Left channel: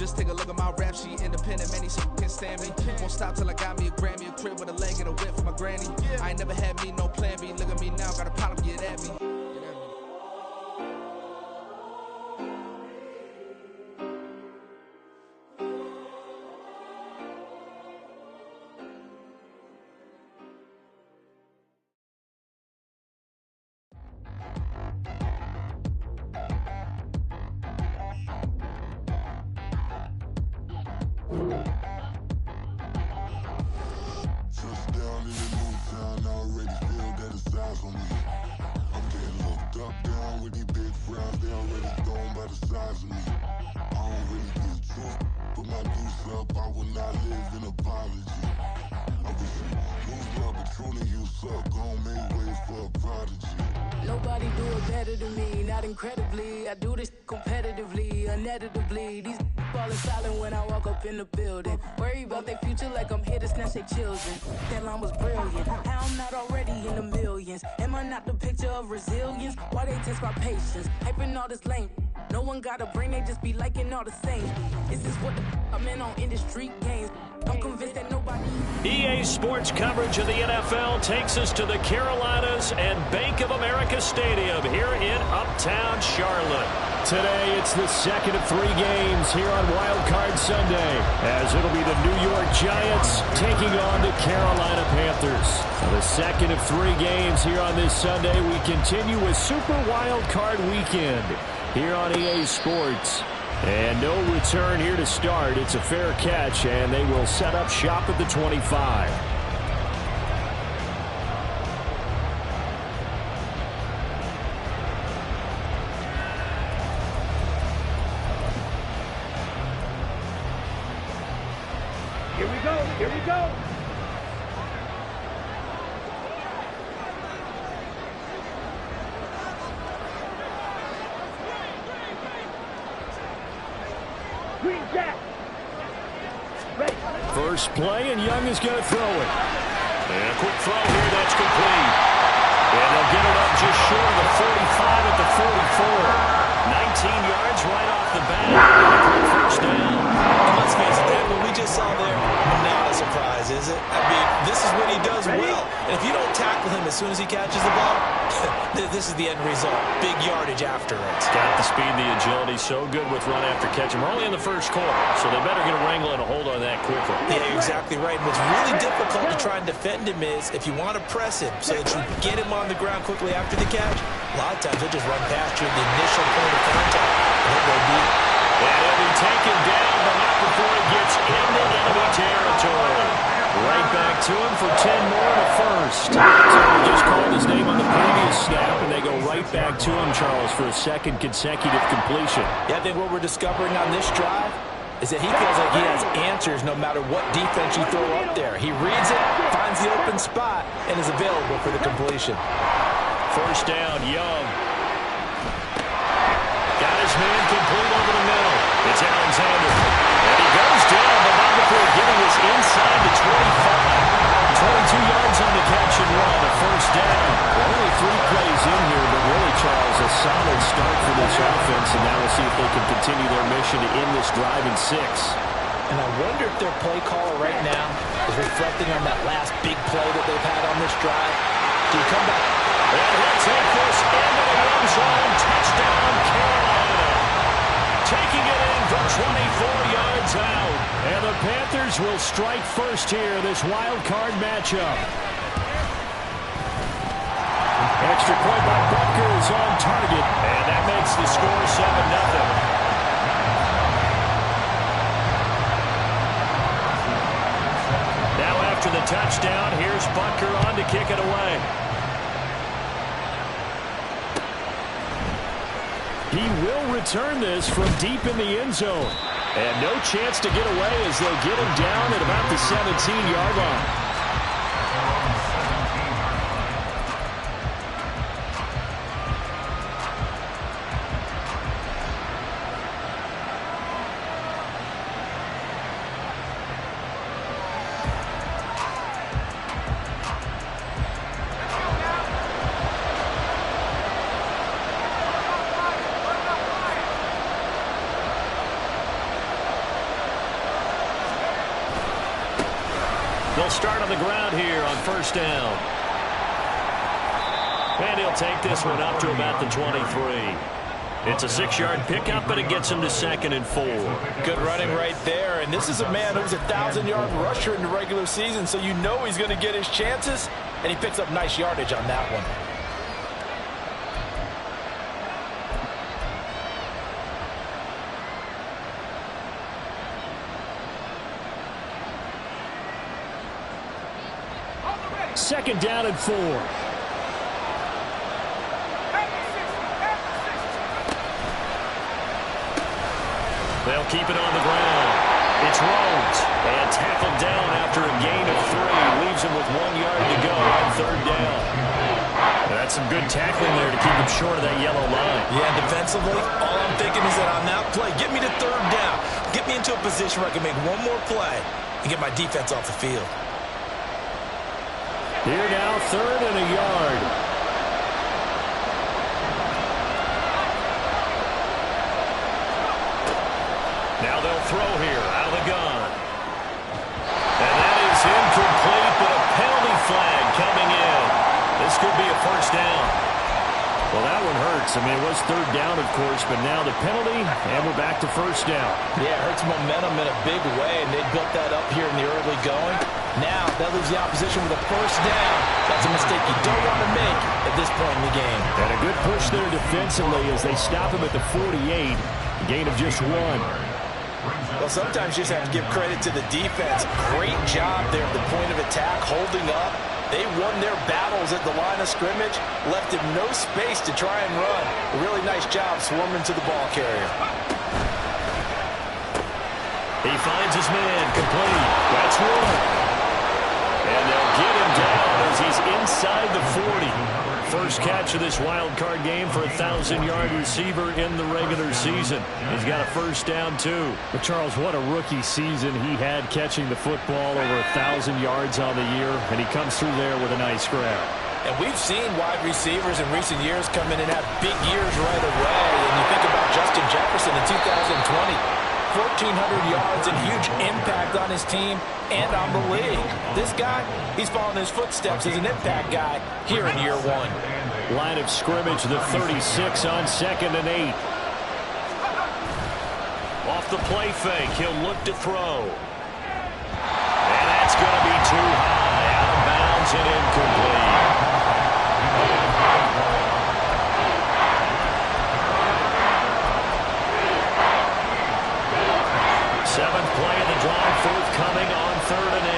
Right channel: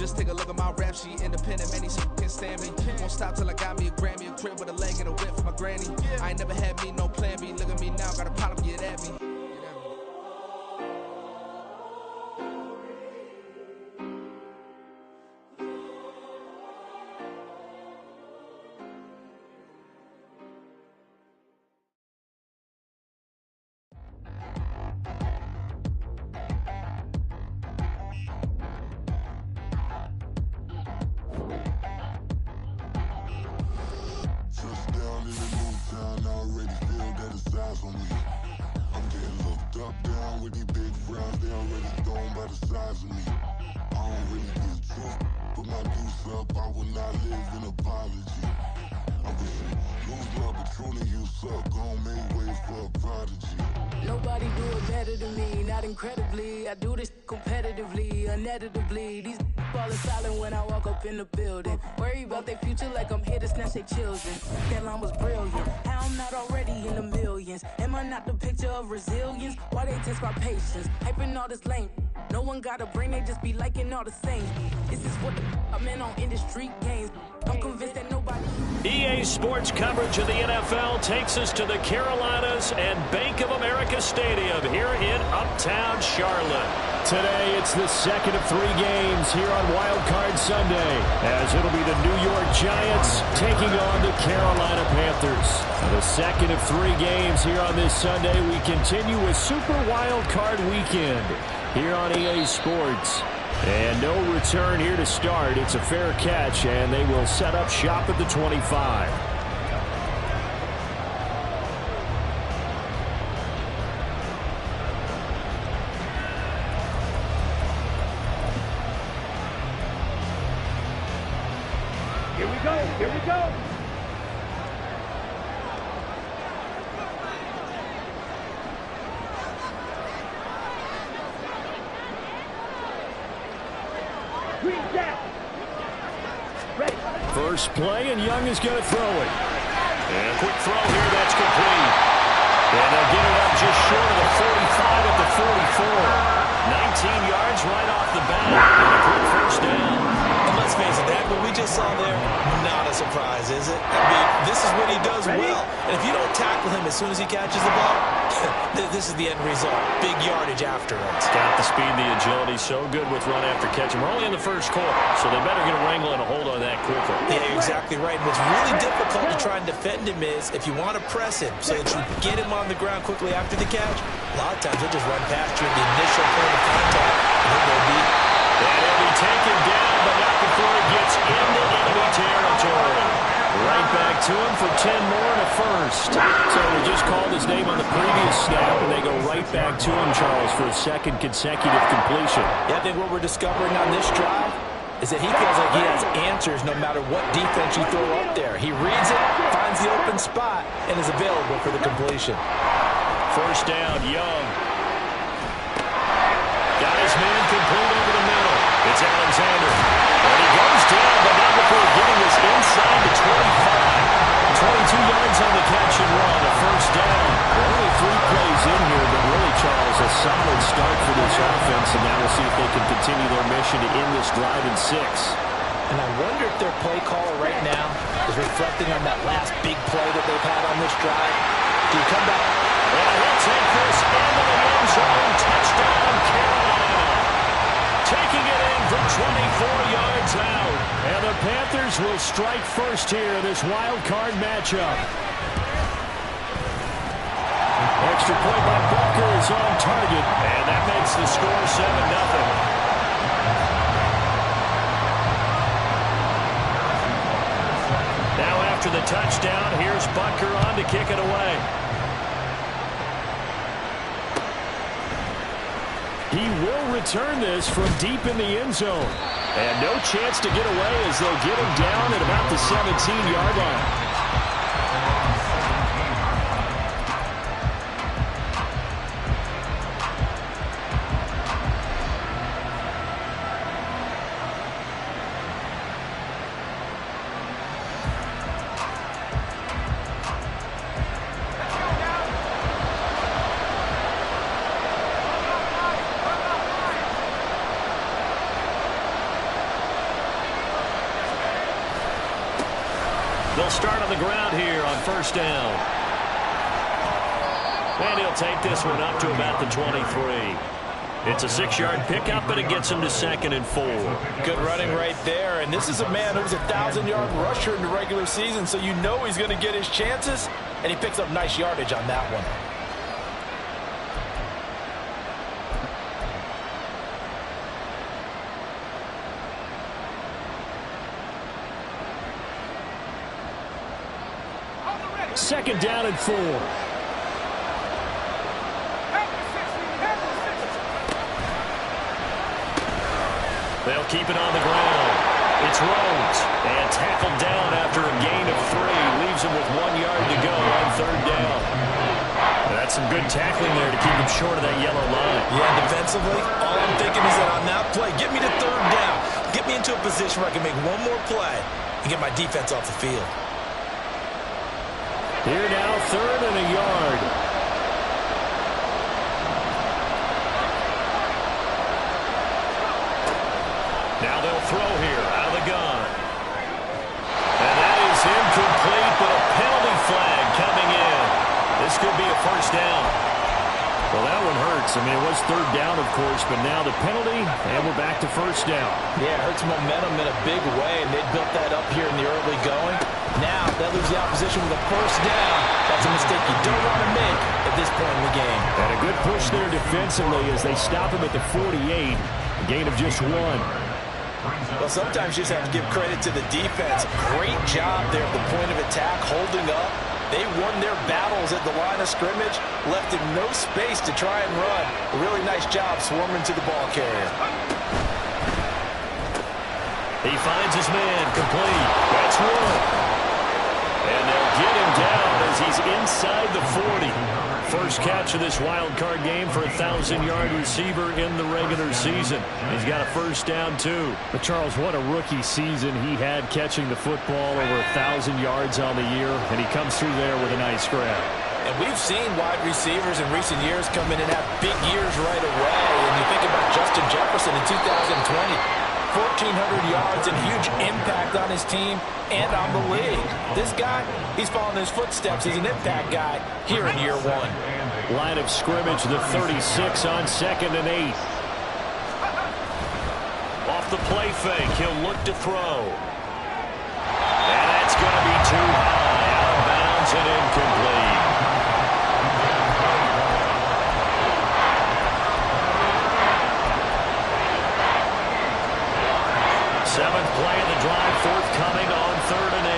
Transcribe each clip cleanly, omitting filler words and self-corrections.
Just take a look at my rap sheet, independent, many shit can't stand me. Won't stop till I got me a Grammy, a crib with a leg and a whip for my granny. I ain't never had me no plan B. Look at me now, got a problem, get at me. Nobody do it better than me, not incredibly. I do this competitively, uneditably. These falling silent when I walk up in the building. Worry about their future like I'm here to snatch their children. That line was brilliant. How I'm not already in the millions? Am I not the picture of resilience? Why they test my patience? Hyping all this lame. No one got a brain, they just be liking all the same. This is what the I'm in on industry games. I'm convinced that nobody... EA Sports coverage of the NFL takes us to the Carolinas and Bank of America Stadium here in Uptown Charlotte. Today, it's the second of 3 games here on Wild Card Sunday, as it'll be the New York Giants taking on the Carolina Panthers. Now, the second of 3 games here on this Sunday, we continue with Super Wild Card Weekend here on EA Sports. And no return here to start. It's a fair catch, and they will set up shop at the 25. Here we go, here we go. Green Jack. Ready. First play, and Young is going to throw it. And a quick throw here, that's complete. And they'll get it up just short of the 45 at the 44. 19 yards right off the bat. And a quick first down. And let's face it, that what we just saw there, not a surprise, is it? I mean, this is what he does well. And if you don't tackle him as soon as he catches the ball, this is the end result. Big yardage after it. Got the speed, the agility, so good with run after catch. And we're only in the first quarter, so they better get a wrangle and a hold on that quickly. Yeah, you're exactly right. And what's really difficult to try and defend him is if you want to press him so that you get him on the ground quickly after the catch, a lot of times he'll just run past you at the initial point of contact, and he'll go deep. And he'll be taken down, but not before he gets into enemy territory. Right back to him for 10 more and a first. So we just called his name on the previous snap, and they go right back to him, Charles, for a second consecutive completion. Yeah, I think what we're discovering on this drive is that he feels like he has answers no matter what defense you throw up there. He reads it, finds the open spot, and is available for the completion. First down, Young. Got his man complete over the middle. It's Alexander. And he goes down, but not before getting us inside the 25. 22 yards on the catch and run, a first down. Only 3 plays in here, but really, Charles, a solid start for this offense, and now we'll see if they can continue their mission to end this drive in 6. And I wonder if their play caller right now is reflecting on that last big play that they've had on this drive. Do you come back? And he'll take this into the end zone. Touchdown, Carolina. Taking it in from 24 yards out. And the Panthers will strike first here in this wild card matchup. Extra point by Butker is on target. And that makes the score 7-0. Now after the touchdown, here's Butker on to kick it away. He will return this from deep in the end zone. And no chance to get away as they'll get him down at about the 17-yard line. They'll start on the ground here on first down. And he'll take this one up to about the 23. It's a 6-yard pickup, but it gets him to 2nd and 4. Good running right there. And this is a man who was a 1,000-yard rusher in the regular season, so you know he's going to get his chances. And he picks up nice yardage on that one. Second down and 4. They'll keep it on the ground. It's Rhodes. And tackled down after a gain of 3. Leaves him with 1 yard to go on 3rd down. And that's some good tackling there to keep him short of that yellow line. Yeah, defensively, all I'm thinking is that on that play, get me to 3rd down. Get me into a position where I can make one more play and get my defense off the field. Here now, 3rd and a yard. Now they'll throw here out of the gun. And that is incomplete, but a penalty flag coming in. This could be a first down. Well, that one hurts. I mean, it was 3rd down, of course, but now the penalty, and we're back to first down. Yeah, it hurts momentum in a big way, and they built that up here in the early going. Now, that leaves the opposition with a first down. That's a mistake you don't want to make at this point in the game. And a good push there defensively as they stop him at the 48. A gain of just 1. Well, sometimes you just have to give credit to the defense. Great job there at the point of attack, holding up. They won their battles at the line of scrimmage, left him no space to try and run. A really nice job swarming to the ball carrier. He finds his man, complete. That's 1. And they'll get him down as he's inside the 40. First catch of this wild card game for a 1,000-yard receiver in the regular season. He's got a first down, too. But, Charles, what a rookie season he had catching the football, over 1,000 yards on the year, and he comes through there with a nice grab. And we've seen wide receivers in recent years come in and have big years right away. And you think about Justin Jefferson in 2020. 1,400 yards and huge impact on his team and on the league. This guy, he's following his footsteps as an impact guy here in year 1. Line of scrimmage, the 36 on 2nd and 8. Off the play fake, he'll look to throw. And that's going to be too high, out of bounds and incomplete. Seventh play of the drive, forthcoming on 3rd and 8.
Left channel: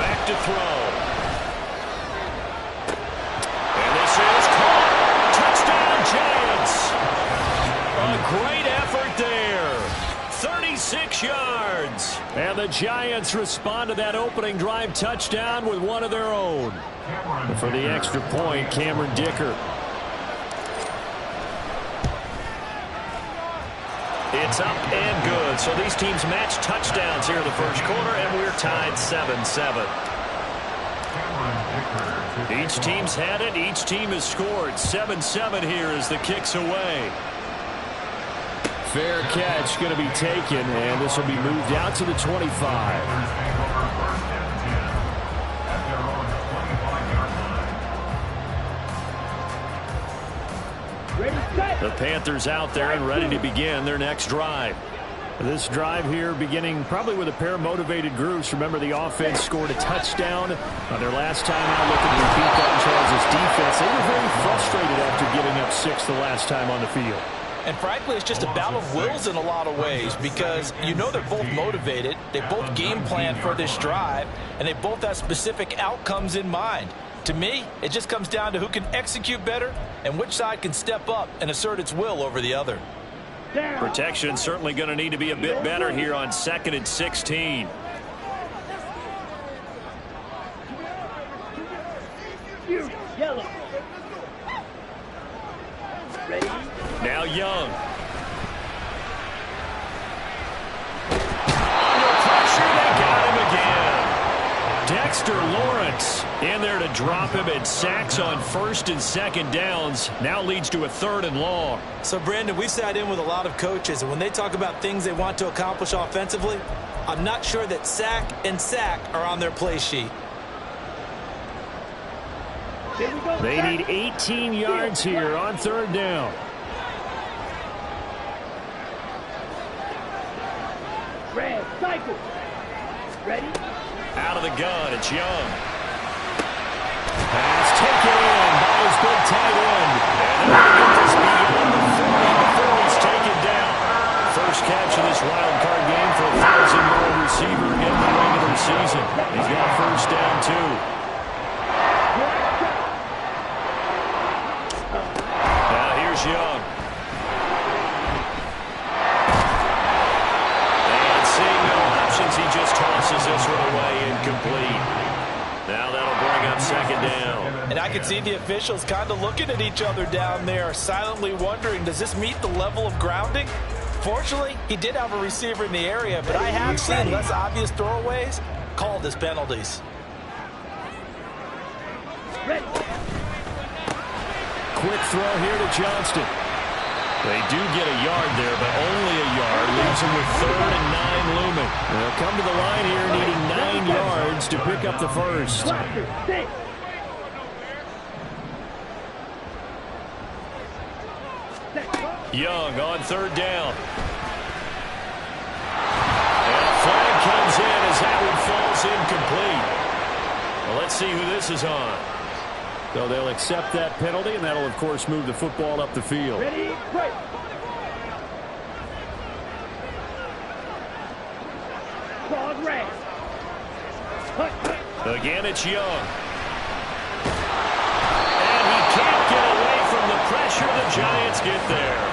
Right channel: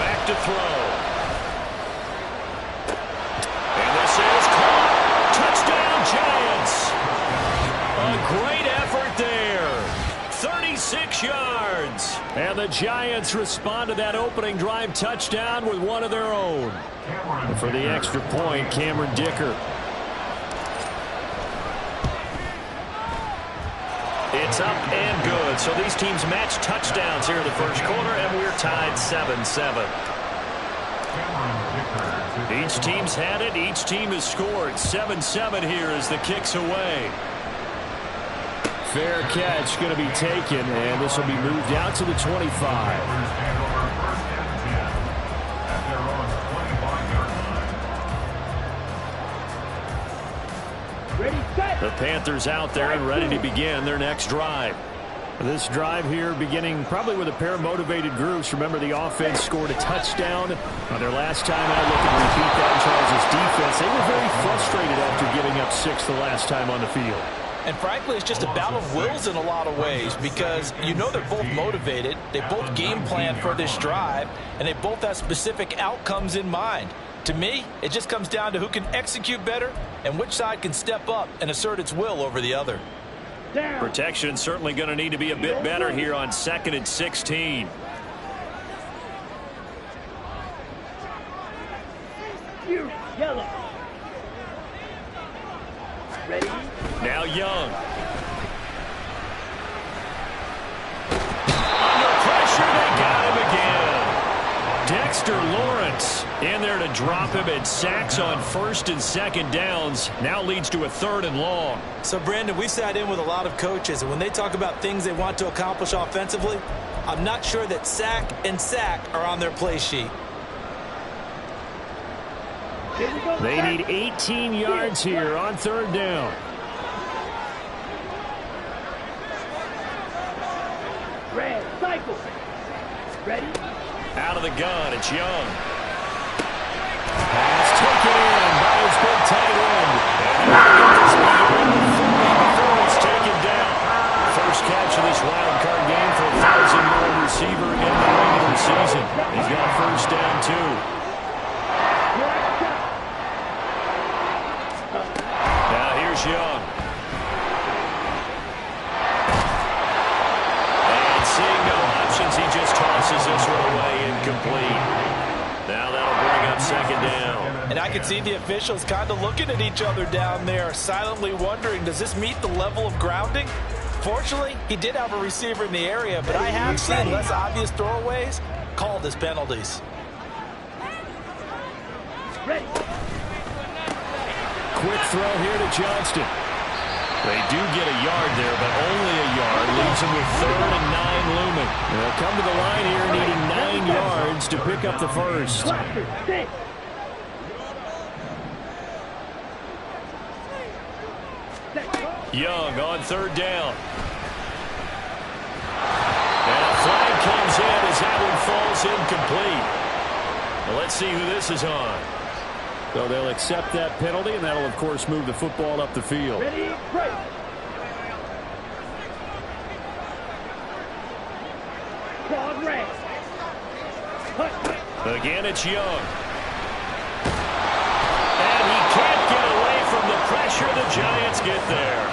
Back to throw. And this is caught. Touchdown, Giants. A great effort there. 36 yards. And the Giants respond to that opening drive touchdown with one of their own. And for the extra point, Cameron Dicker. It's up and good. So these teams match touchdowns here in the first quarter, and we're tied 7-7. Each team's had it. Each team has scored. 7-7 here as the kick's away. Fair catch going to be taken, and this will be moved out to the 25. The Panthers out there and ready to begin their next drive. This drive here beginning probably with a pair of motivated groups. Remember, the offense scored a touchdown on their last time out. Looking to repeat that in Charles' defense. They were very frustrated after giving up 6 the last time on the field. And frankly, it's just a battle of wills in a lot of ways, because you know they're both motivated. They both game plan for this drive, and they both have specific outcomes in mind. To me, it just comes down to who can execute better and which side can step up and assert its will over the other. Protection certainly going to need to be a bit better here on 2nd and 16. Yellow. Ready? Now Young. Under pressure, they got him again. Dex Dexter Lawrence in there to drop him, and sacks on first and second downs now leads to a 3rd and long. So, Brandon, we've sat in with a lot of coaches, and when they talk about things they want to accomplish offensively, I'm not sure that sack and sack are on their play sheet. They need 18 yards here on 3rd down. Red, cycle. Ready? Out of the gun, it's Young. Pass taken in by his big tight end. And they're going to get this beyond the 40 before he's taken down. First catch of this wild card game for a 1,000-yard receiver in the regular season. He's got first down, too. Now here's Young. And seeing no options, he just tosses this one away, incomplete. Now that'll bring up 2nd down. And I can see the officials kind of looking at each other down there, silently wondering, does this meet the level of grounding? Fortunately, he did have a receiver in the area, but I have seen less obvious throwaways called as penalties. Ready. Quick throw here to Johnston. They do get a yard there, but only a yard. Leaves them with 3rd and 9 looming. They'll come to the line here needing 9 yards to pick up the first. Young on 3rd down. And a flag comes in as that one falls incomplete. Well, let's see who this is on. So they'll accept that penalty, and that'll, of course, move the football up the field. Ready, break. Claude Ray. Again, it's Young. And he can't get away from the pressure. The Giants get there.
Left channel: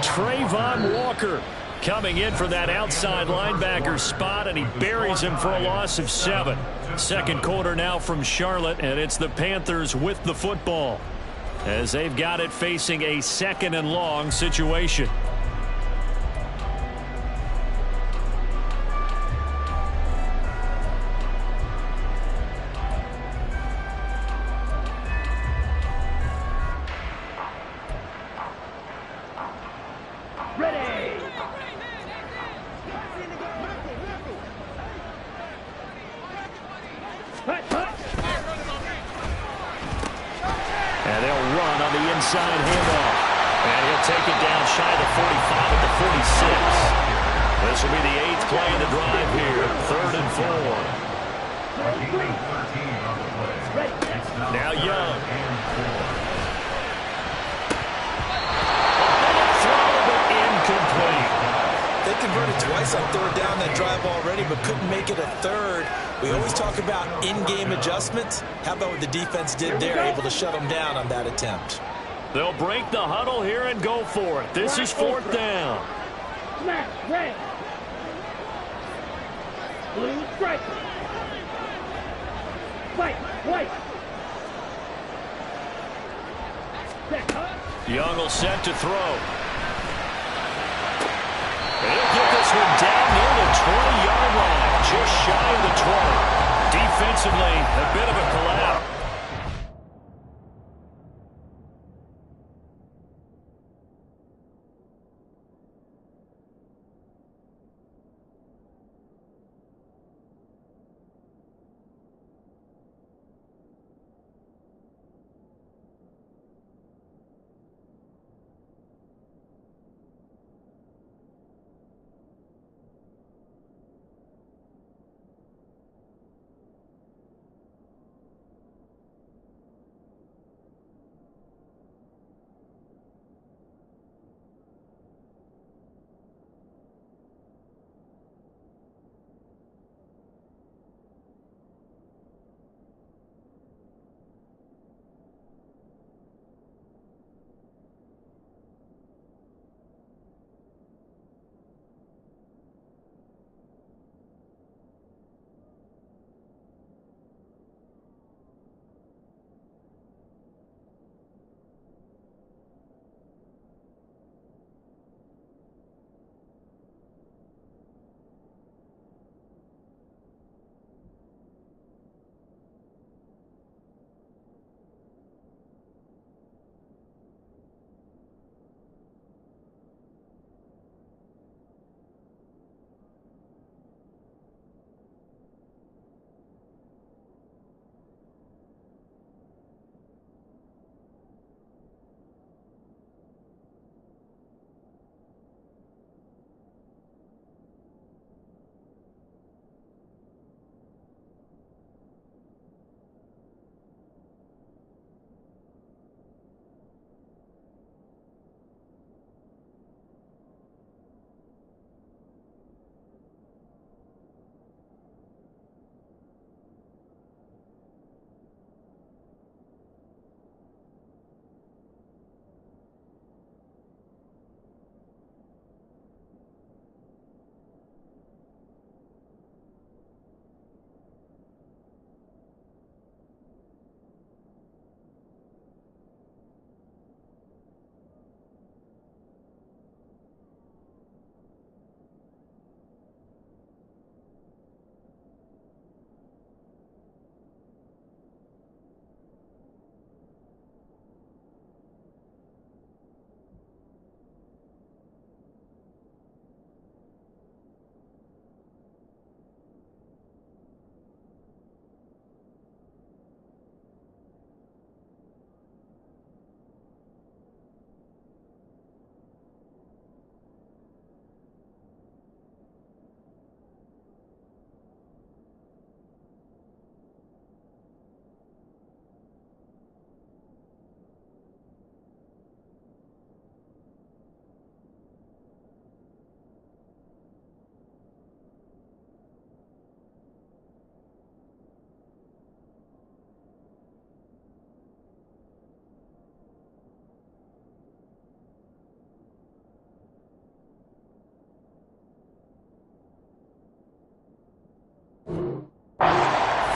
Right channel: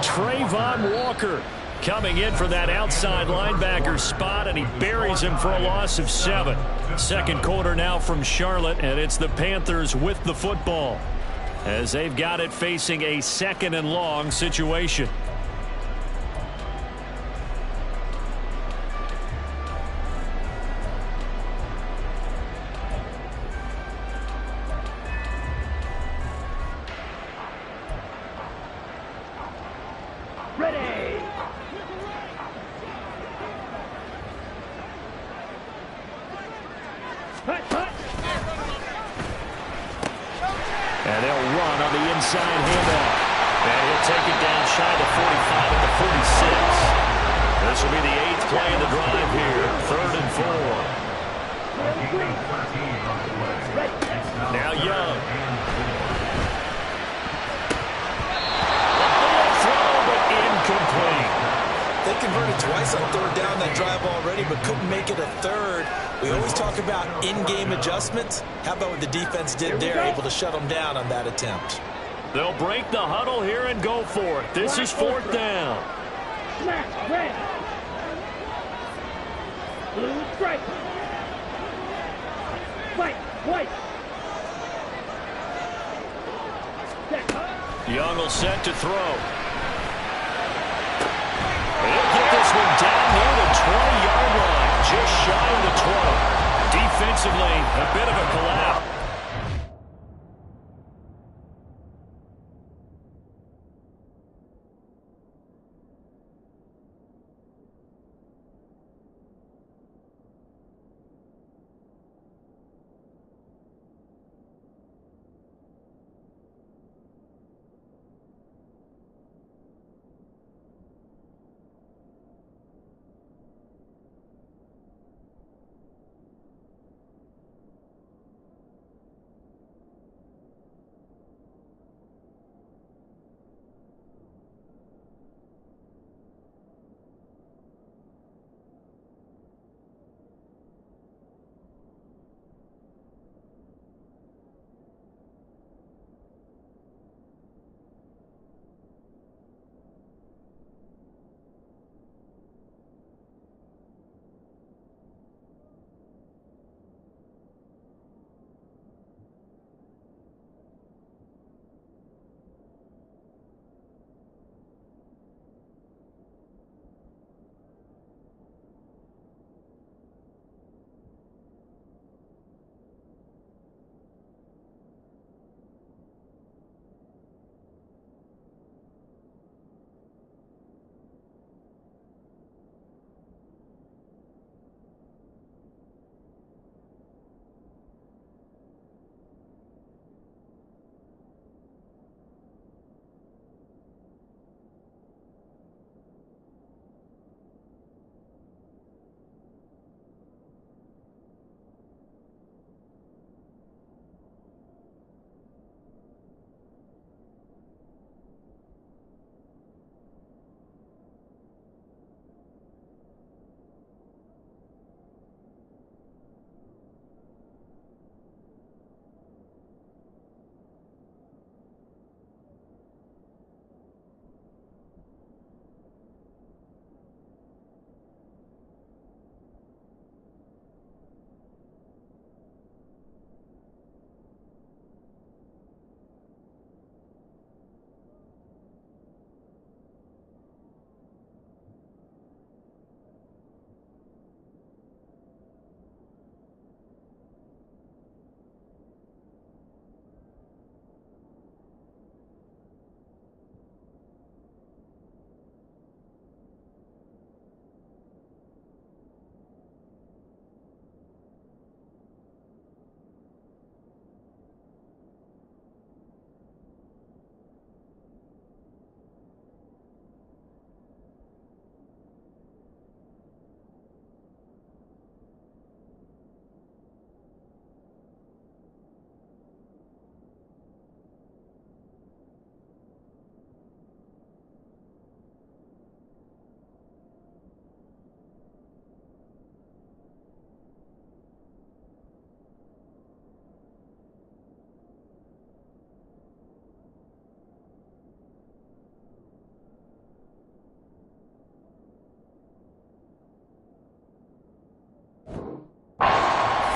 Trayvon Walker coming in for that outside linebacker spot, and he buries him for a loss of 7. Second quarter now from Charlotte, and it's the Panthers with the football as they've got it facing a 2nd and long situation. Ready. And they'll run on the inside handoff. And he'll take it down shy of the 45 at the 46. This will be the 8th play of the drive here. 3rd and 4. Now Young. A bullet throw, but incomplete. They converted twice on 3rd down that drive already, but couldn't make it a 3rd. We always talk about in-game adjustments. How about what the defense did there, able to shut them down on that attempt? They'll break the huddle here and go for it. This is 4th down. Smash, red. Blue striker. Fight, white. Young will set to throw. He'll get this one down near the 20-yard line, just shy of the 20. Defensively, a bit of a collapse.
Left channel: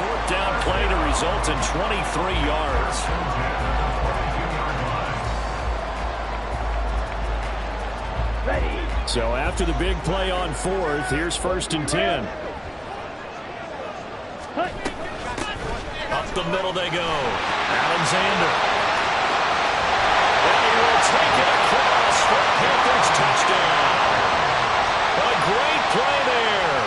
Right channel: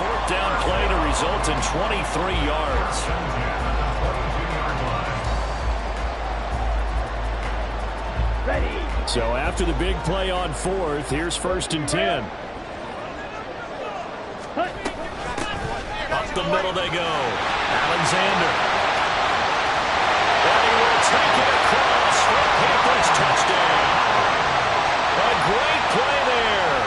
fourth down play to result in 23 yards. Ready. So after the big play on fourth, here's 1st and 10. Up the middle they go. Alexander. And he will take it across for a Panthers touchdown. A great play there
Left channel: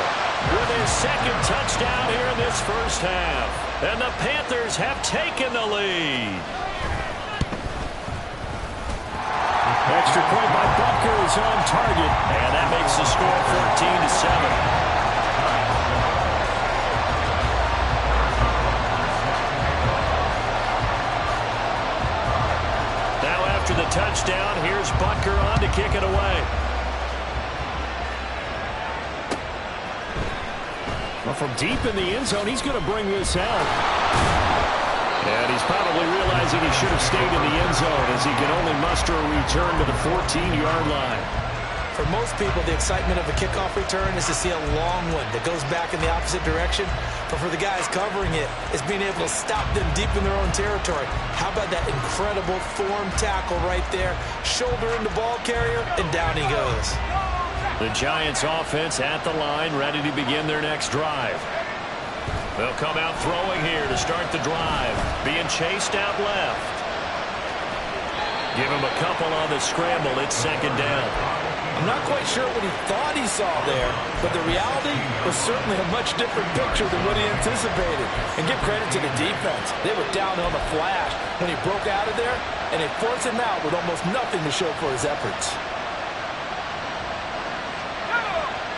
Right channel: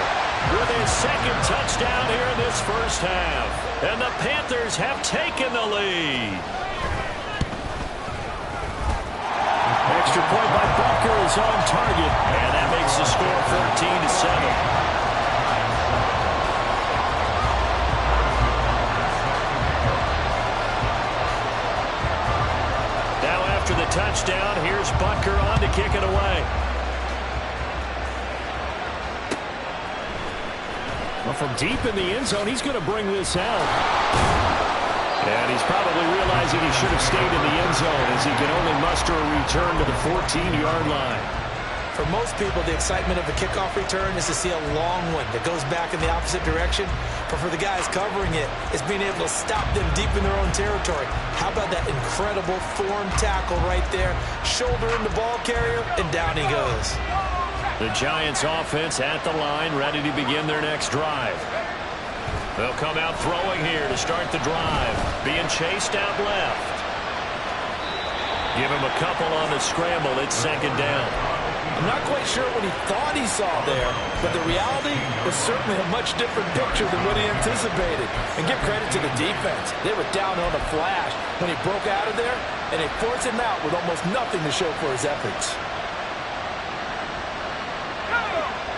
with his second touchdown here in this first half. And the Panthers have taken the lead. Extra point by Butker is on target, and that makes the score 14-7. Now after the touchdown, here's Butker on to kick it away. Well, from deep in the end zone, he's going to bring this out. And he's probably realizing he should have stayed in the end zone as he can only muster a return to the 14-yard line. For most people, the excitement of a kickoff return is to see a long one that goes back in the opposite direction. But for the guys covering it, it's being able to stop them deep in their own territory. How about that incredible form tackle right there? Shoulder in the ball carrier, and down he goes. The Giants offense at the line, ready to begin their next drive. They'll come out throwing here to start the drive. Being chased out left. Give him a couple on the scramble. It's 2nd down. I'm not quite sure what he thought he saw there, but the reality was certainly a much different picture than what he anticipated. And give credit to the defense. They were down on the flash when he broke out of there, and they forced him out with almost nothing to show for his efforts.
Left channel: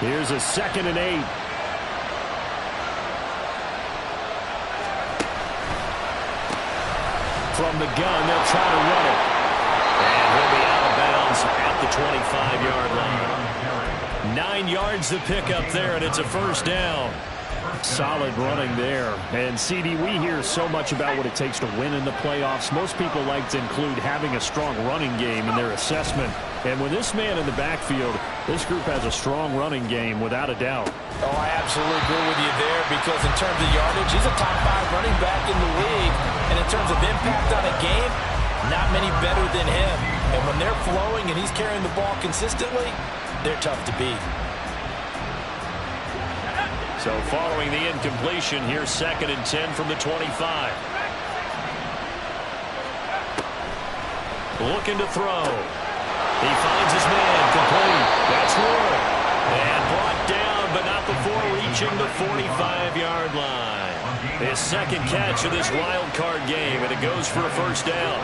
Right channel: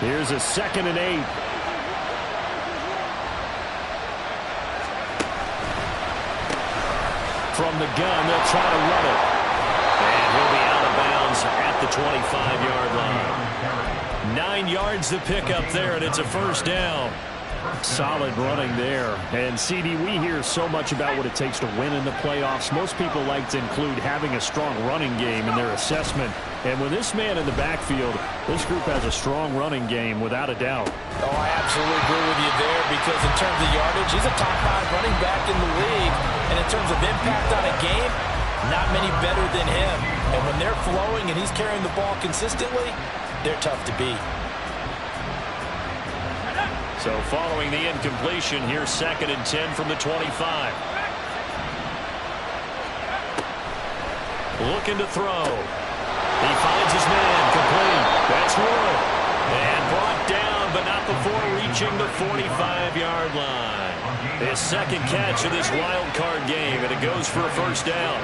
Here's a 2nd and 8. From the gun, they'll try to run it. And he'll be out of bounds at the 25-yard line. 9 yards to pick up there, and it's a 1st down. Solid running there. And, CD, we hear so much about what it takes to win in the playoffs. Most people like to include having a strong running game in their assessment. And with this man in the backfield, this group has a strong running game without a doubt. Oh, I absolutely agree with you there because in terms of yardage, he's a top 5 running back in the league. And in terms of impact on a game, not many better than him. And when they're flowing and he's carrying the ball consistently, they're tough to beat. So following the incompletion, here's 2nd and 10 from the 25. Looking to throw. He finds his man complete. That's Wood. And brought down, but not before reaching the 45-yard line. His 2nd catch of this wild card game, and it goes for a 1st down.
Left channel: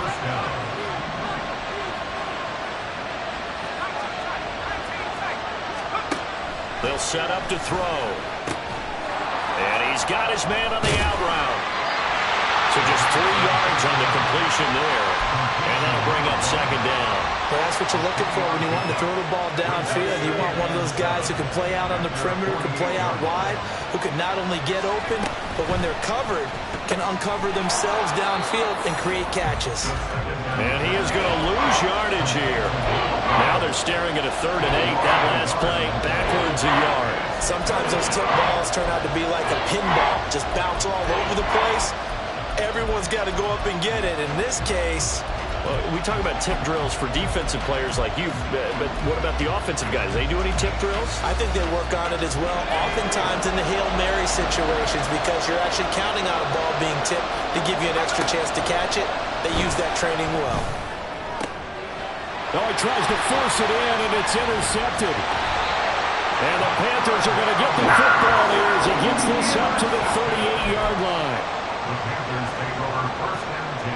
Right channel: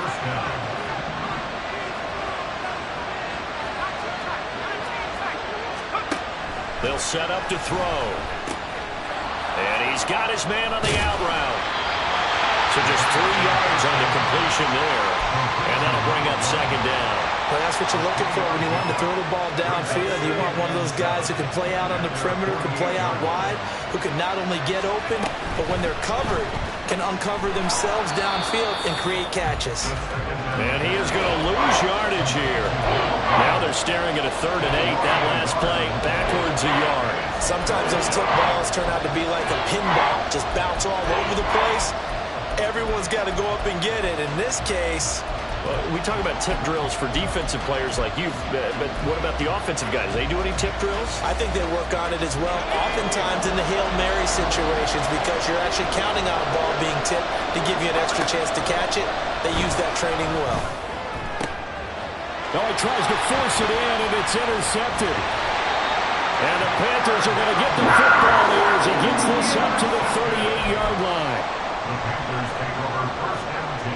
They'll set up to throw. And he's got his man on the out route. So just 3 yards on the completion there. And that'll bring up 2nd down. Well, that's what you're looking for when you want to throw the ball downfield. You want one of those guys who can play out on the perimeter, can play out wide, who can not only get open, but when they're covered, can uncover themselves downfield and create catches. And he is going to lose yardage here. Now they're staring at a 3rd and 8. That last play, backwards a yard. Sometimes those tip balls turn out to be like a pinball, just bounce all over the place. Everyone's got to go up and get it. In this case, well, we talk about tip drills for defensive players like you, but what about the offensive guys? They do any tip drills? I think they work on it as well, oftentimes in the Hail Mary situations, because you're actually counting on a ball being tipped to give you an extra chance to catch it. They use that training well. Oh, he tries to force it in, and it's intercepted. And the Panthers are going to get the football here as he gets this up to the 38-yard line. The Panthers take over 1st and 10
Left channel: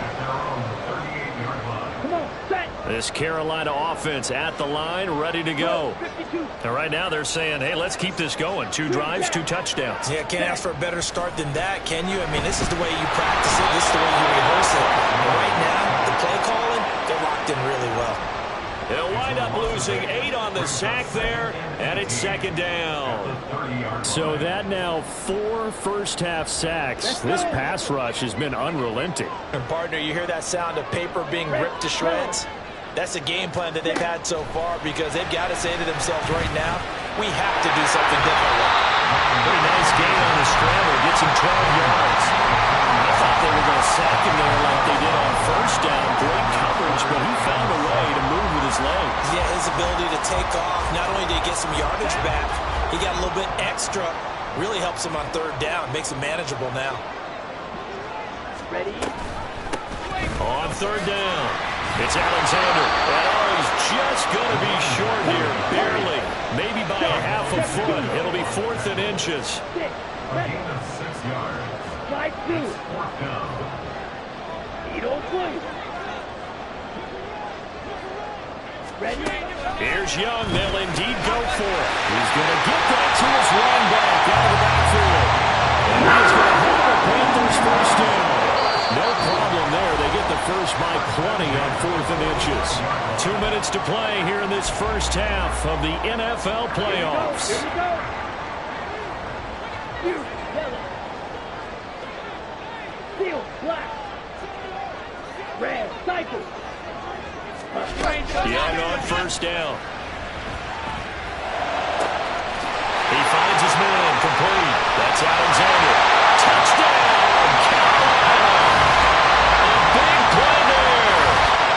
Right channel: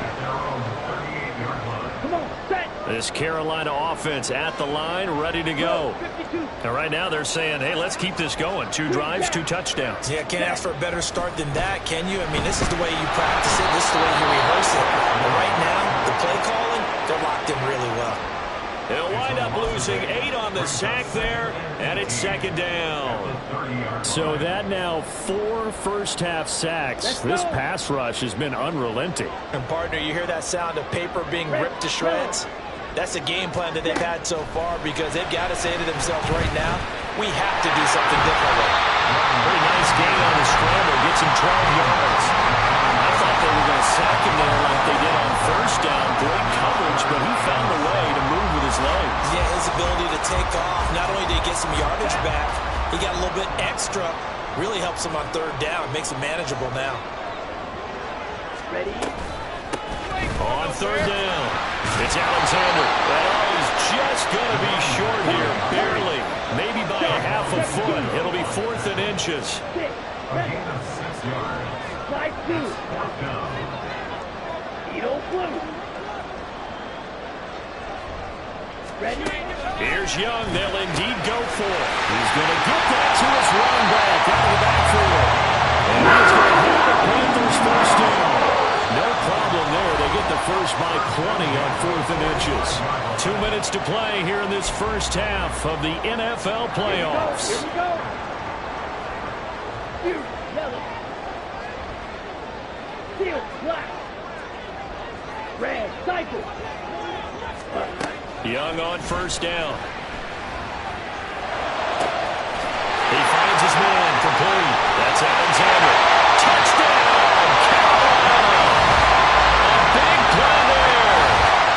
at their own 38-yard line. Come on, set. This Carolina offense at the line, ready to go. 52. And right now they're saying, hey, let's keep this going. 2 drives, 2 touchdowns. Yeah, can't ask for a better start than that, can you? I mean, this is the way you practice it. This is the way you rehearse it. But right now, the play calling, they're locked in really well. They'll wind up losing 8 on the sack there, and it's 2nd down. So that now 4 first-half sacks. This pass rush has been unrelenting. And, partner, you hear that sound of paper being ripped to shreds? That's the game plan that they've had so far because they've got to say to themselves right now, We have to do something differently. Pretty nice gain on the scramble. Gets him 12 yards. I thought they were going to sack him there like they did on first down. Great coverage, but he found a way to move with his legs. Yeah, his ability to take off. Not only did he get some yardage back, he got a little bit extra. Really helps him on third down. Makes it manageable now. Ready? On third down, it's Alexander. And he's just going to be short here, barely. Maybe by a half a foot. It'll be 4th and inches. A gain of 6 yards. Slide through. 4th down. Edo blue. Ready? Here's Young. They'll indeed go for it. He's going to get that to his run back out of the backfield. And he's going to have the Panthers first down. No problem there. They get the first by plenty on 4th and inches. 2 minutes to play here in this first half of the NFL playoffs. Here we go. Here, yellow. Steel, black. Red, cycle. Young on first down. He finds his man, complete. That's Alexander. Touchdown, Carolina. A big play there.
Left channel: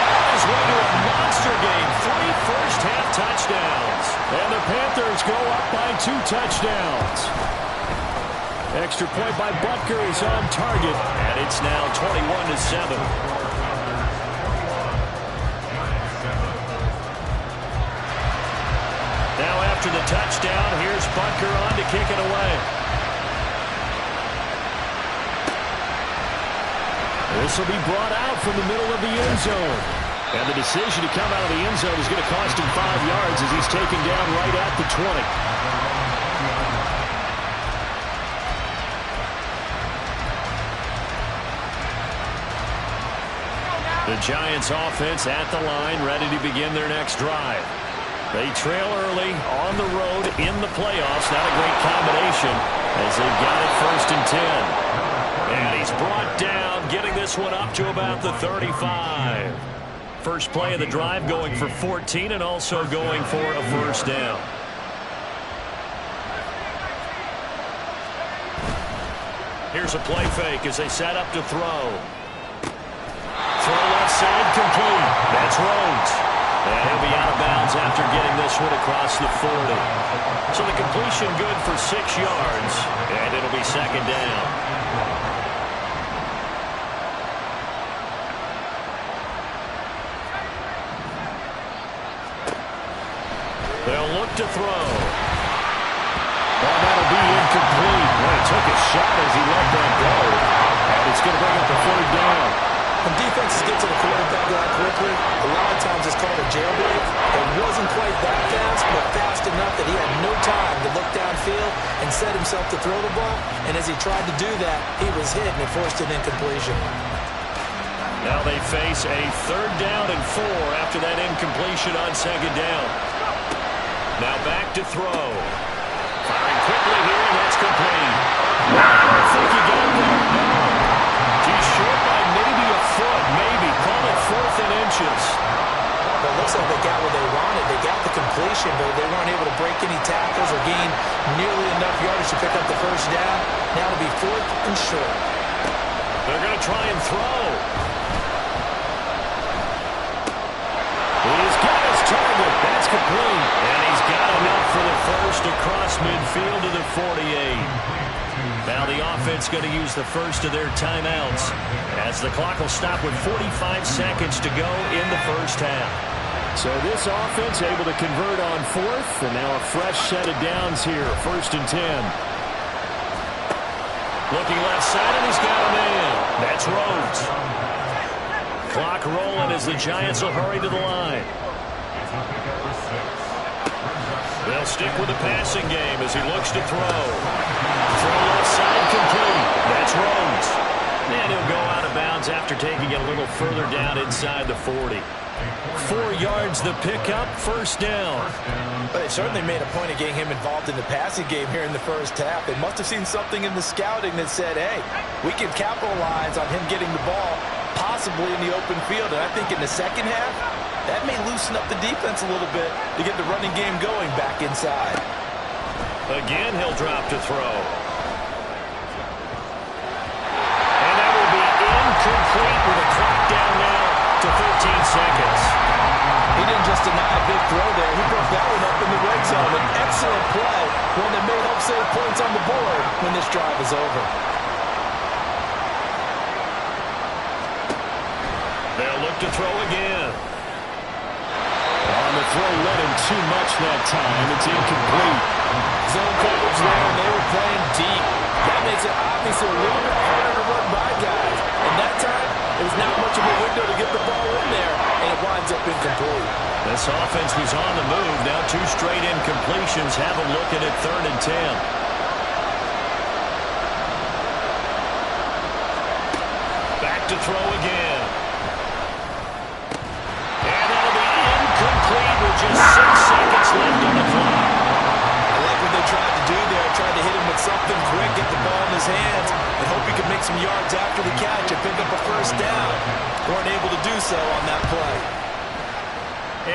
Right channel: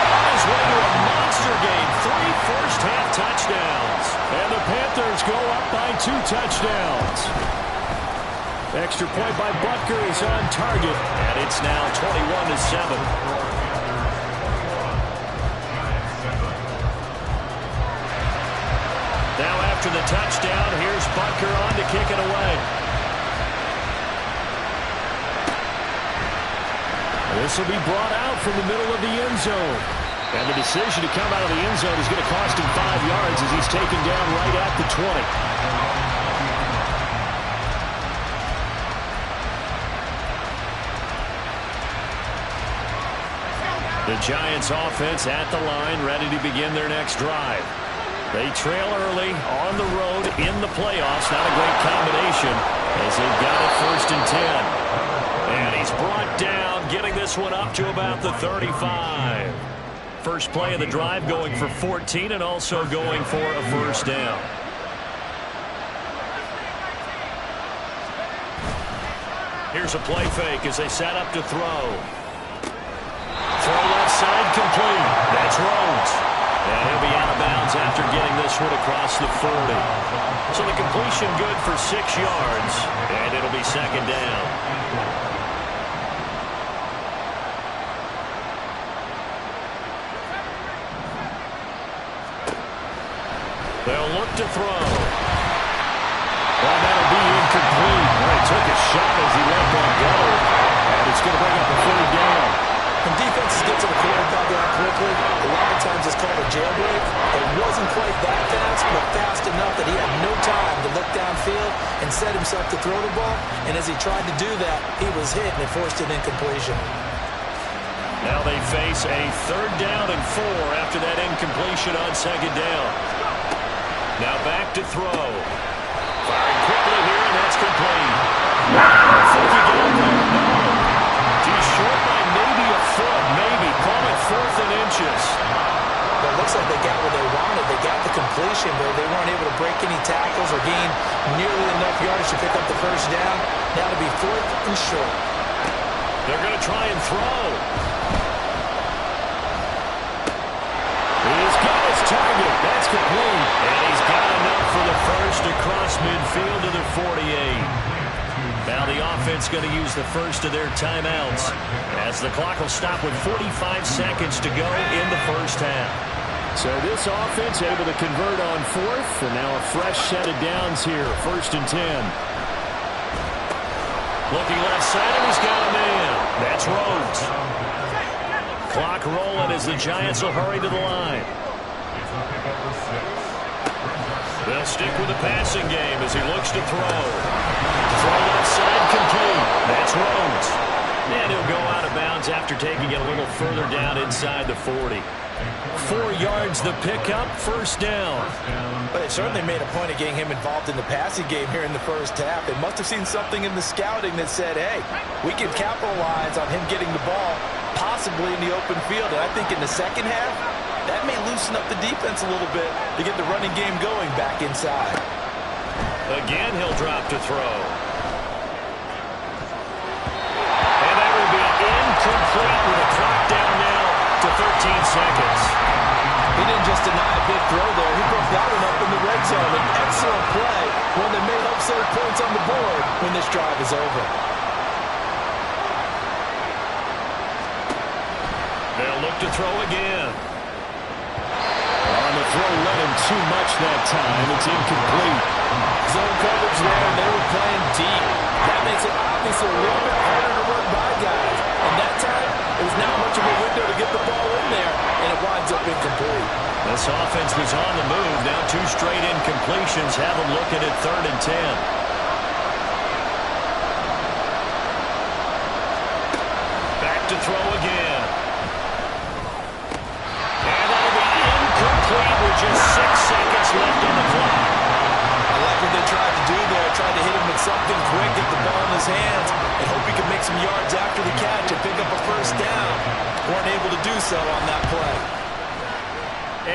On his way to a monster game. 3 first-half touchdowns. And the Panthers go up by 2 touchdowns. Extra point by Butker is on target. And it's now 21-7. Now after the touchdown, here's Butker on to kick it away. This will be brought out from the middle of the end zone. And the decision to come out of the end zone is going to cost him 5 yards as he's taken down right at the 20. The Giants offense at the line, ready to begin their next drive. They trail early on the road in the playoffs. Not a great combination as they've got it 1st and 10. And he's brought down, getting this one up to about the 35. First play of the drive going for 14 and also going for a first down. Here's a play fake as they set up to throw. Throw left side complete. That's Rhodes. And he'll be out of bounds after getting this one across the 40. So the completion good for 6 yards, and it'll be 2nd down. They'll look to throw. Well, that'll be incomplete. Well, he took a shot as he let that go. And it's going to bring up a 3rd down. When defenses get to the quarterback that quickly, a lot of times it's called a jailbreak. It wasn't quite that fast, but fast enough that he had no time to look downfield and set himself to throw the ball. And as he tried to do that, he was hit and it forced an incompletion. Now they face a 3rd down and 4 after that incompletion on 2nd down. Now back to throw. Firing quickly here, and that's complete. I don't think he got there. No. He's short by maybe a foot, maybe. Call it 4th and inches. But it looks like they got what they wanted. They got the completion, but they weren't able to break any tackles or gain nearly enough yardage to pick up the first down. Now to be 4th and short. They're going to try and throw. He's got his target. That's complete. And he's got enough for the first across midfield to the 48. Now the offense going to use the first of their timeouts as the clock will stop with 45 seconds to go in the first half. So this offense able to convert on 4th, and now a fresh set of downs here, 1st and 10. Looking left side, and he's got a man. That's Rhodes. Clock rolling as the Giants will hurry to the line. They'll stick with the passing game as he looks to throw. Throw left side complete. That's Rhodes. And he'll go out of bounds after taking it a little further down inside the 40. 4 yards the pickup, first down. But they certainly made a point of getting him involved in the passing game here in the first half. They must have seen something in the scouting that said, hey, we can capitalize on him getting the ball possibly in the open field. And I think in the second half, that may loosen up the defense a little bit to get the running game going back inside. Again, he'll drop to throw. And that will be incomplete with a clock down now to 13 seconds. He didn't just deny a big throw there. He broke that one up in the red zone. An excellent play, one that may help save points on the board when this drive is over. They'll look to throw again. On the throw, led him too much that time. It's incomplete. Zone coverage there, and they were playing deep. That makes it obviously a little bit harder to run by guys. And that time, it was not much of a window to get the ball in there, and it winds up incomplete. This offense was on the move. Now 2 straight incompletions have them looking at 3rd and 10. Back to throw again. And that'll be incomplete with just 6 seconds left on the clock. I like what they tried to do there. Tried to hit him with something quick, get the ball in his hands, and hope he could make some yards after the catch and pick up a first down. Weren't able to do so on that play.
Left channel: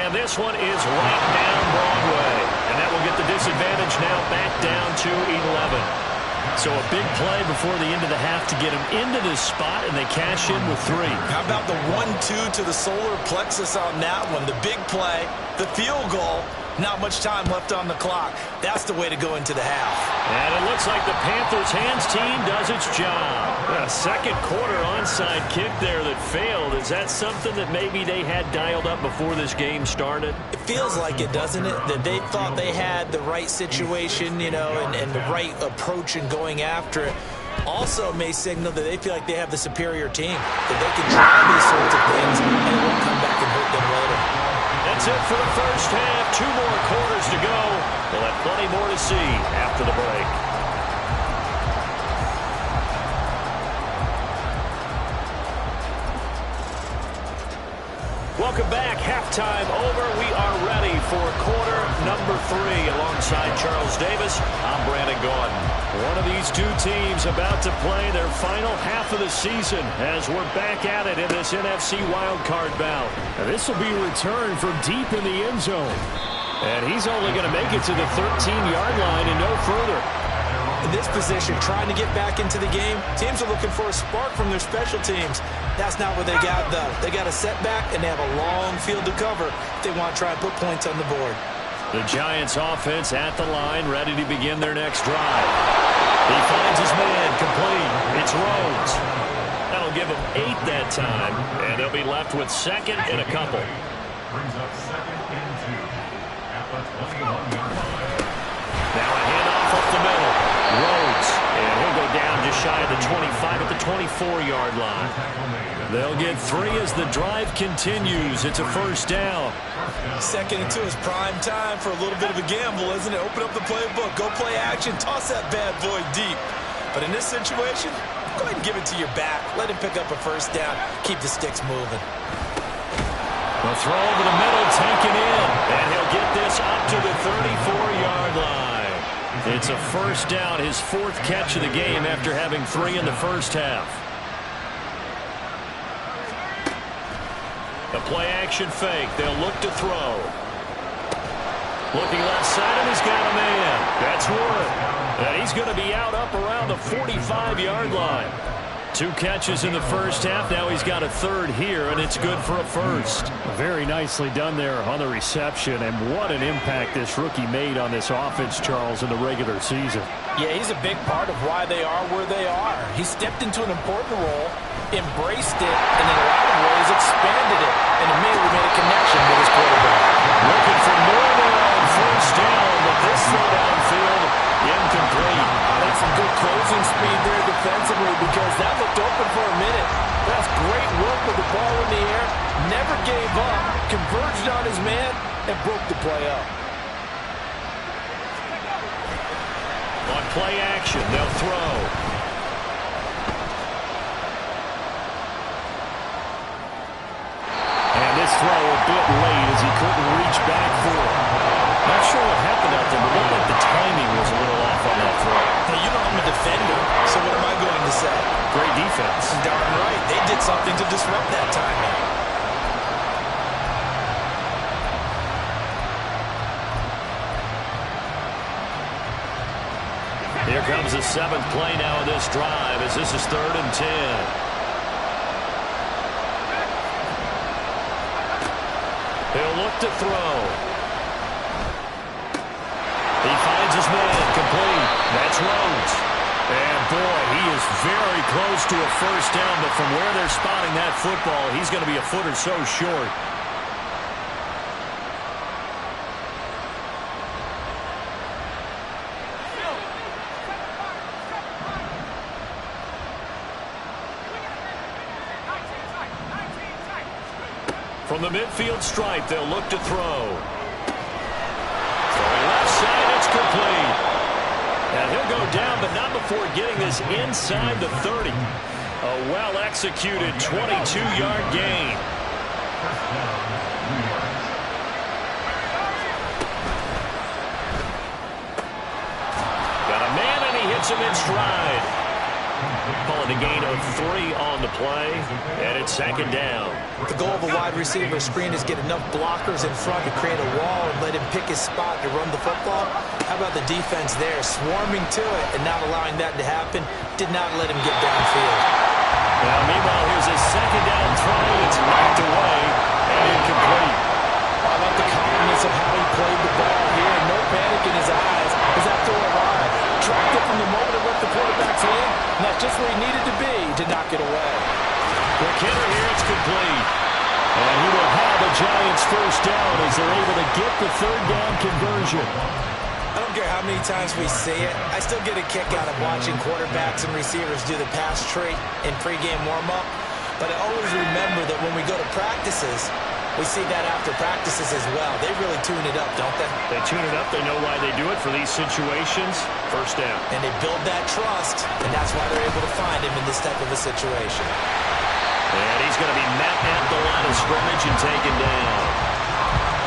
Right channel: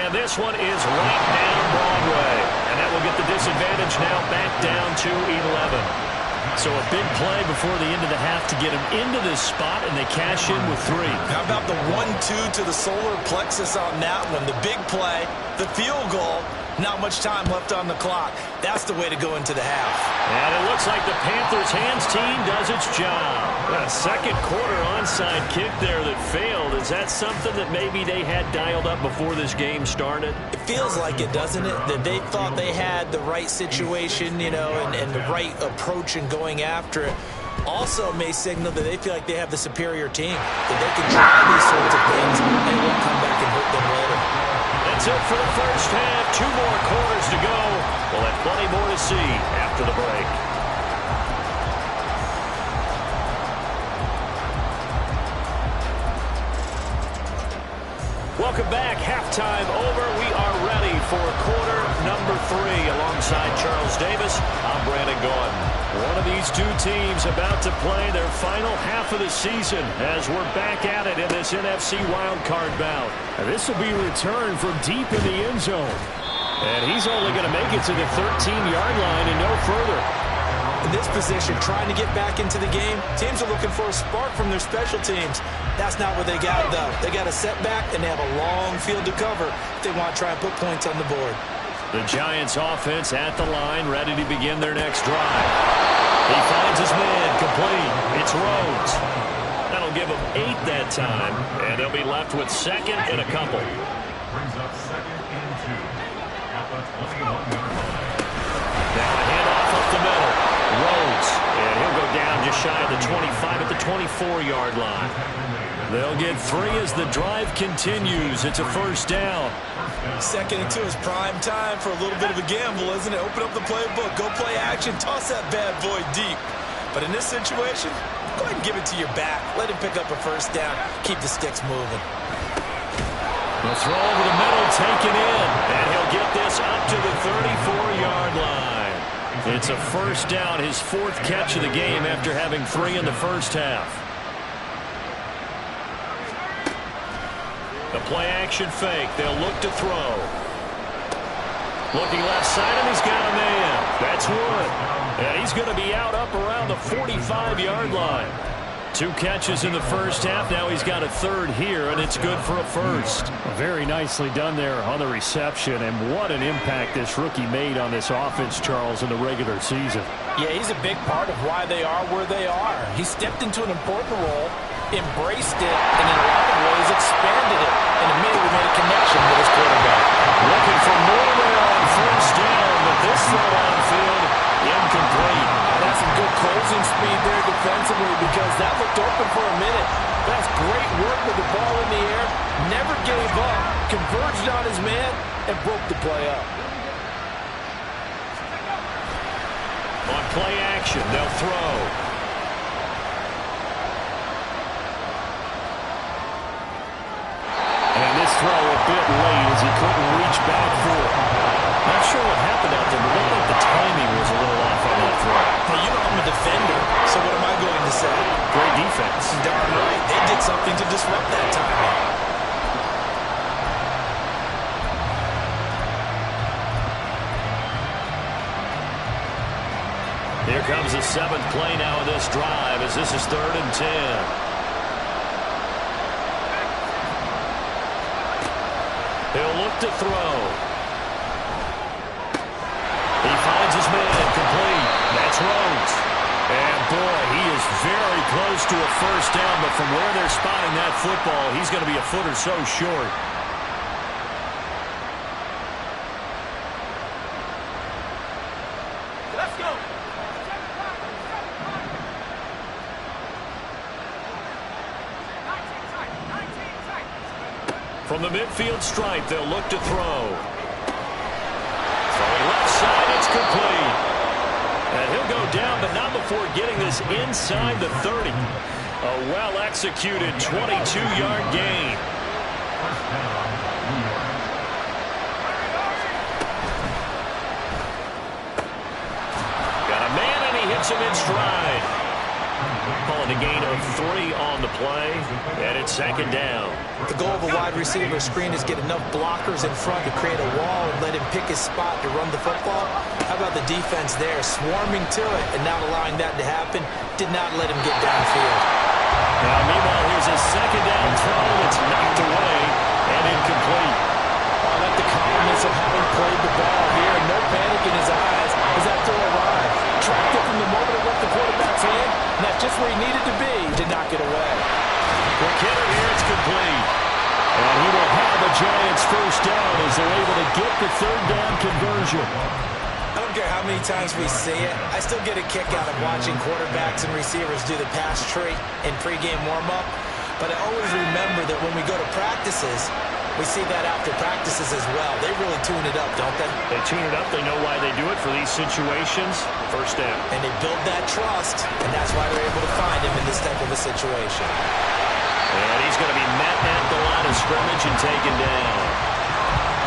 And this one is right down Broadway. And that will get the disadvantage now back down to 11. So a big play before the end of the half to get him into this spot, and they cash in with 3. How about the 1-2 to the solar plexus on that one? The big play, the field goal. Not much time left on the clock. That's the way to go into the half. And it looks like the Panthers' hands team does its job. A second quarter onside kick there that failed. Is that something that maybe they had dialed up before this game started? It feels like it, doesn't it? That they thought they had the right situation, you know, and the right approach in going after it. Also may signal that they feel like they have the superior team, that they can try these sorts of things and it won't come back and hurt them later. That's it for the first half. 2 more quarters to go. We'll have plenty more to see after the break. Welcome back. Halftime over. We are ready for quarter number 3. Alongside Charles Davis, I'm Brandon Gaudin. One of these 2 teams about to play their final half of the season as we're back at it in this NFC wildcard bout. Now this will be returned from deep in the end zone. And he's only going to make it to the 13-yard line and no further. In this position, trying to get back into the game, teams are looking for a spark from their special teams. That's not what they got, though. They got a setback, and they have a long field to cover if they want to try and put points on the board. The Giants offense at the line, ready to begin their next drive. He finds his man, complete. It's Rhodes. That'll give him 8 that time, and they'll be left with 2nd and a couple. Brings up 2nd and 2 at the 21-yard line. Now a handoff up the middle. Rhodes, and he'll go down just shy of the 25 at the 24-yard line. They'll get 3 as the drive continues. It's a first down. 2nd and 2 is prime time for a little bit of a gamble, isn't it? Open up the playbook, go play action, toss that bad boy deep. But in this situation, go ahead and give it to your back. Let him pick up a first down. Keep the sticks moving. The throw over the middle taken in, and he'll get this up to the 34-yard line. It's a first down, his 4th catch of the game after having 3 in the first half. The play-action fake. They'll look to throw. Looking left side, and he's got a man. That's Wood. And he's going to be out up around the 45-yard line. 2 catches in the first half. Now he's got a 3rd here, and it's good for a first. Very nicely done there on the reception, and what an impact this rookie made on this offense, Charles, in the regular season. Yeah, he's a big part of why they are where they are. He stepped into an important role, embraced it, and in a lot of ways expanded it, and immediately made a connection with his quarterback. Looking for more there on first down, but this throw downfield, incomplete. That's some good closing speed there defensively because that looked open for a minute. That's great work with the ball in the air. Never gave up, converged on his man, and broke the play up. On play action, they'll throw. And this throw a bit late as he couldn't reach back for it. Not sure what happened out there, but it looked like the timing was a little off on that throw. Well, you know I'm a defender, so what am I going to say? Great defense. Darn right. They did something to disrupt that timing. Here comes the 7th play now of this drive as this is 3rd and 10. He'll look to throw. He finds his man, complete. That's Rhodes. And boy, he is very close to a first down, but from where they're spotting that football, he's going to be a foot or so short. From the midfield stripe, they'll look to throw. Throwing left side, it's complete. And he'll go down, but not before getting this inside the 30. A well-executed 22-yard gain. First down, New York. Got a man, and he hits him in stride. Call it a gain of 3 on the play, and it's 2nd down. The goal of a wide receiver screen is get enough blockers in front to create a wall and let him pick his spot to run the football. How about the defense there, swarming to it and not allowing that to happen? Did not let him get downfield. Now, meanwhile, here's a 2nd down throw. It's knocked away and incomplete. I like the calmness of how he played the ball here. No panic in his eyes as that throw arrived. Tracked it from the moment it left the quarterback's hand, and that's just where he needed to be to knock it away. Quick hitter here, it's complete. And he will have a Giants first down as they're able to get the 3rd down conversion. I don't care how many times we see it. I still get a kick out of watching quarterbacks and receivers do the pass tree in pregame warm-up. But I always remember that when we go to practices, we see that after practices as well. They really tune it up, don't they? They tune it up. They know why they do it for these situations. First down. And they build that trust, and that's why they're able to find him in this type of a situation. And he's going to be met at the line of scrimmage and taken down.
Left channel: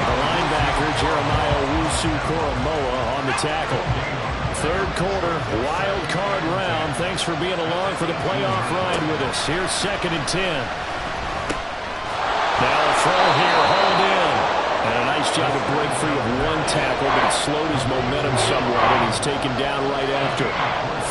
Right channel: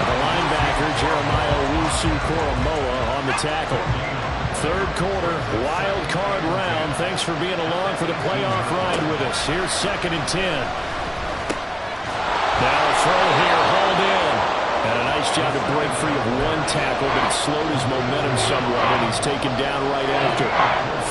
The linebacker, Jeremiah Owusu-Koramoah, on the tackle. 3rd quarter, wild card round. Thanks for being along for the playoff ride with us. Here's 2nd and 10. Now a throw here, hauled in. And a nice job to break free of 1 tackle, but it slowed his momentum somewhat, and he's taken down right after.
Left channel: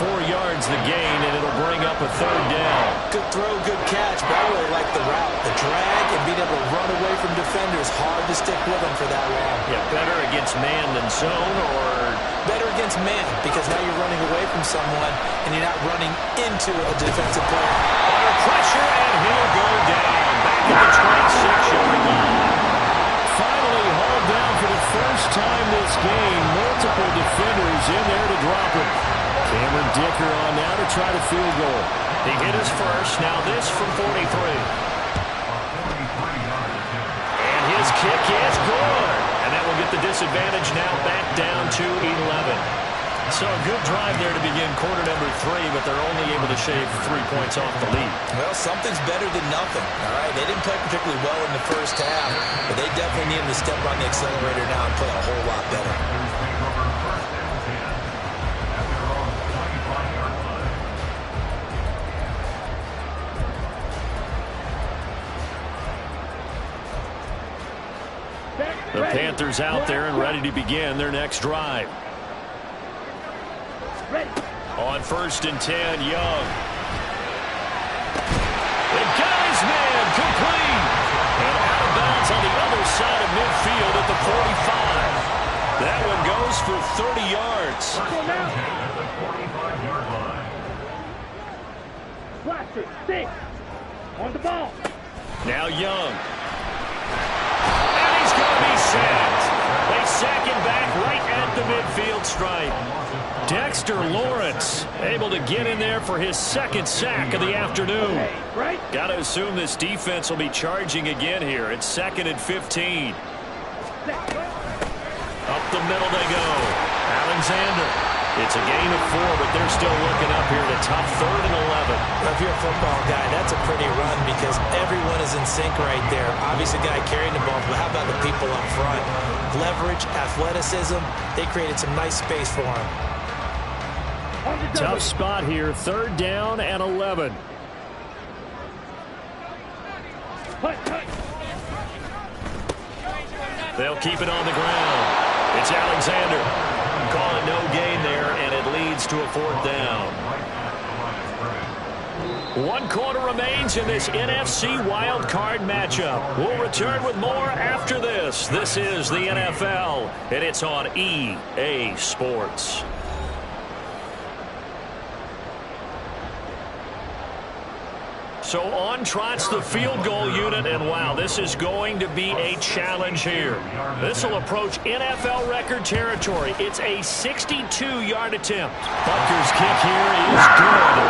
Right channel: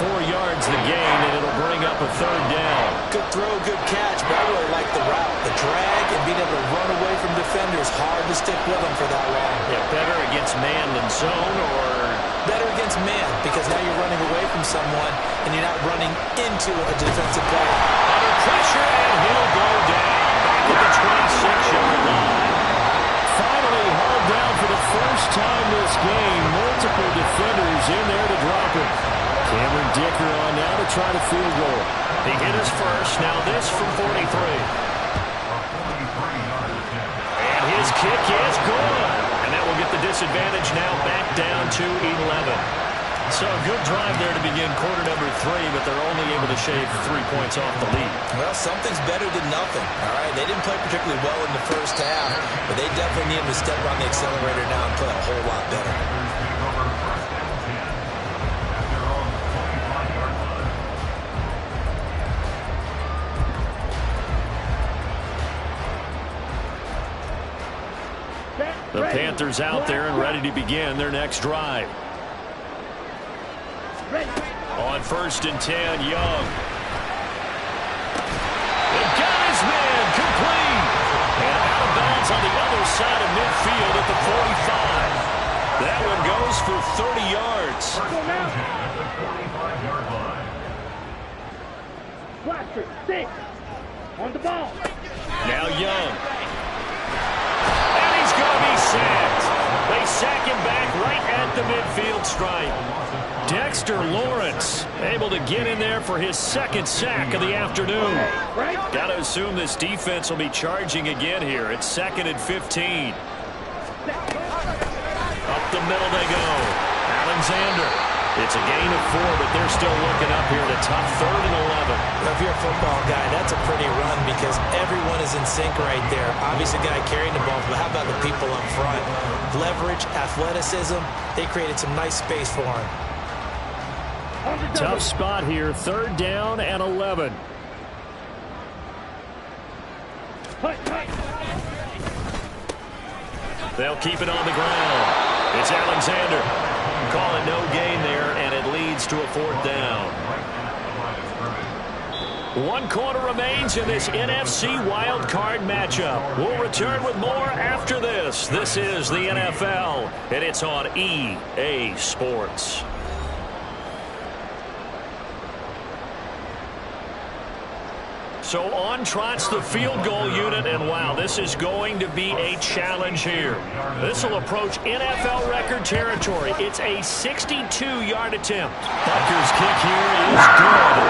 4 yards the gain, and it'll bring up a 3rd down. Good throw, good catch, but I really like the route. The drag and being able to run away from defenders, hard to stick with them for that long. Yeah, better against man than zone, or? Better against man, because now you're running away from someone, and you're not running into a defensive player. Under pressure, and he'll go down. Back at the 26-yard line. Finally hauled down for the first time this game. Multiple defenders in there to drop him. Cameron Dicker on now to try the field goal. He hit his first. Now this from 43. And his kick is good. And that will get the disadvantage now back down to 11. So a good drive there to begin quarter number 3, but they're only able to shave 3 points off the lead. Well, something's better than nothing, all right? They didn't play particularly well in the first half, but they definitely need them to step on the accelerator now and play a whole lot better. The Panthers out there and ready to begin their next drive. On 1st and 10, Young. They got his man, complete. And out of bounds on the other side of midfield at the 45. That one goes for 30 yards. At the 45-yard line. Blaster, 6. On the ball. Now Young. And he's going to be sacked. They sack him back right at the midfield stripe. Dexter Lawrence able to get in there for his 2nd sack of the afternoon. Got to assume this defense will be charging again here. It's 2nd and 15. Up the middle they go. Alexander. It's a gain of 4, but they're still looking up here at a tough 3rd and 11. Well, if you're a football guy, that's a pretty run because everyone is in sync right there. Obviously, the guy carrying the ball, but how about the people up front? Leverage, athleticism, they created some nice space for him. Tough spot here, 3rd down and 11. They'll keep it on the ground. It's Alexander. Call it no gain there, and it leads to a 4th down. 1 quarter remains in this NFC Wild Card matchup. We'll return with more after this. This is the NFL, and it's on EA Sports. So on trots the field goal unit, and wow, this is going to be a challenge here. This will approach NFL record territory. It's a 62-yard attempt. Butker's kick here is good.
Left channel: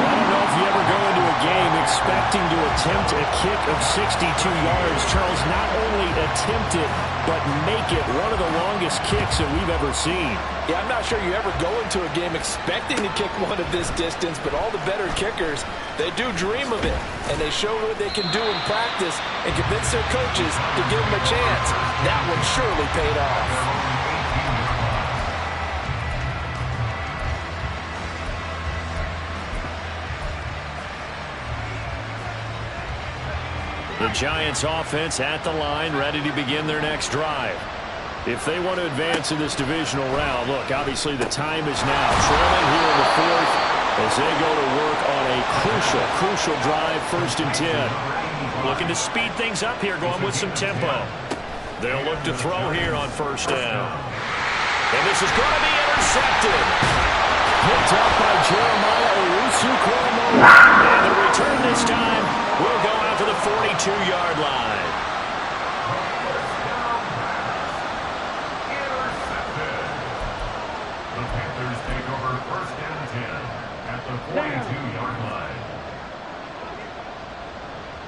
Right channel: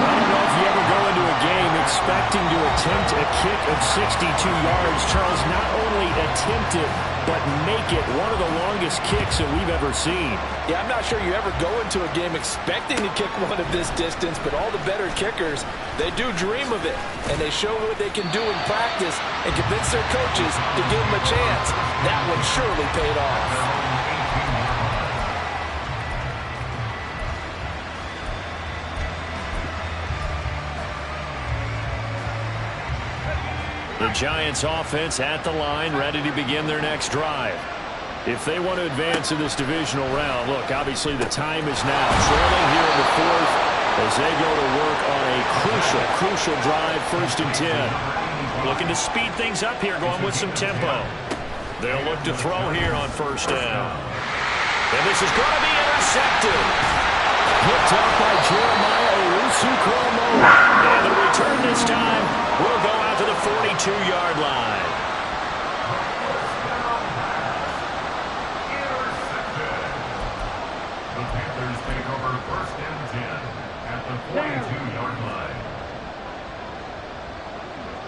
I don't know if you ever go into a game expecting to attempt a kick of 62 yards. Charles, not only attempt it, but make it one of the longest kicks that we've ever seen. Yeah, I'm not sure you ever go into a game expecting to kick one of this distance, but all the better kickers, they do dream of it, and they show what they can do in practice and convince their coaches to give them a chance. That one surely paid off. The Giants offense at the line, ready to begin their next drive. If they want to advance in this divisional round, look, obviously the time is now. Trailing here in the 4th as they go to work on a crucial drive, 1st and 10. Looking to speed things up here, going with some tempo. They'll look to throw here on 1st down. And this is going to be intercepted. Picked up by Jeremiah Owusu-Koramoah. And the return this time will go out to the 42-yard line. The Panthers take over 1st and 10 at the 42-yard line.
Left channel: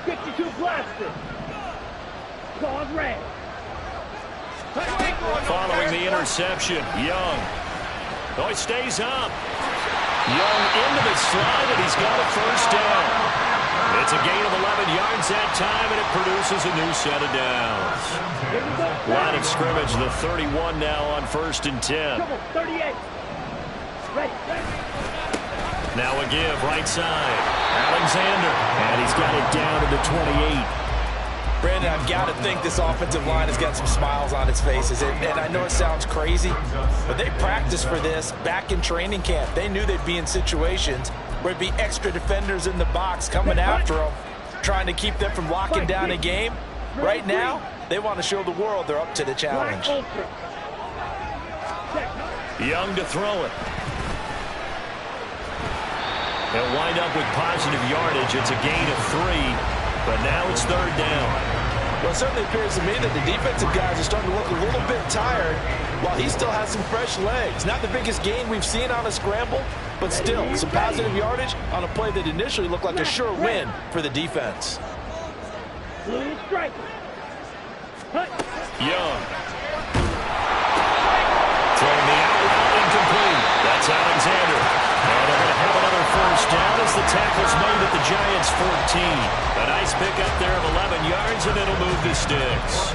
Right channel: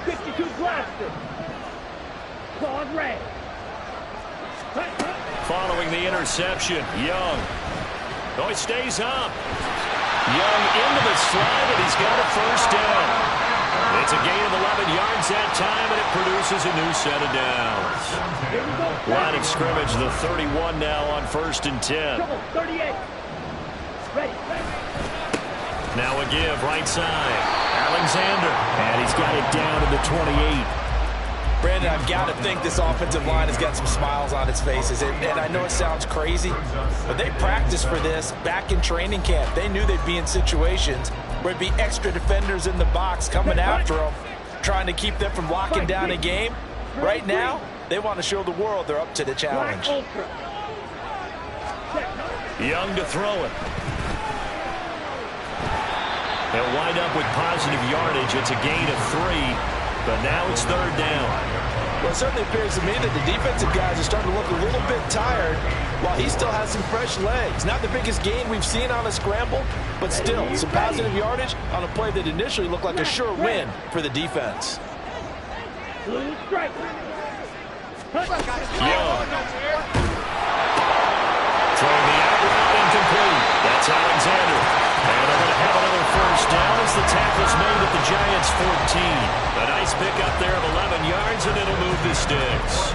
52 blasted. Claude Ray. Following the interception, Young. Oh, he stays up. Young into the slide, and he's got a 1st down. It's a gain of 11 yards that time, and it produces a new set of downs. Line of scrimmage, the 31 now on 1st and 10. 38. Ready. Now a give, right side. Alexander, and he's got it down to the 28. Brandon, I've got to think this offensive line has got some smiles on its faces. And I know it sounds crazy, but they practiced for this back in training camp. They knew they'd be in situations where there'd be extra defenders in the box coming after them, trying to keep them from locking down a game. Right now, they want to show the world they're up to the challenge. Young to throw it. They'll wind up with positive yardage. It's a gain of 3. But now it's 3rd down. Well, it certainly appears to me that the defensive guys are starting to look a little bit tired while he still has some fresh legs. Not the biggest gain we've seen on a scramble, but still some positive yardage on a play that initially looked like a sure win for the defense. Blue strike. Young. Throwing the out route incomplete. That's Alexander. And they're going to have another 1st down as the tackle's made at the Giants' 14. A nice pickup there of 11 yards, and it'll move the sticks.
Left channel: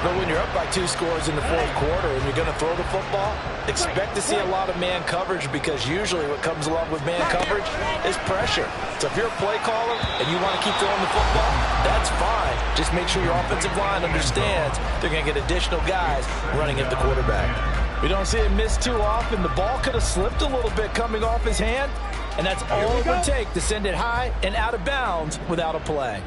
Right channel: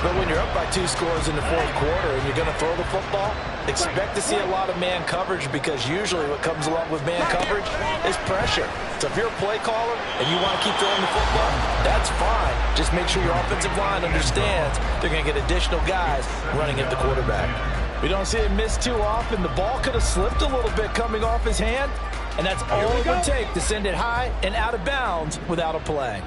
But when you're up by 2 scores in the 4th quarter and you're going to throw the football, expect to see a lot of man coverage, because usually what comes along with man coverage is pressure. So if you're a play caller and you want to keep throwing the football, that's fine. Just make sure your offensive line understands they're going to get additional guys running at the quarterback. We don't see it miss too often. The ball could have slipped a little bit coming off his hand, and that's all it would take to send it high and out of bounds without a play.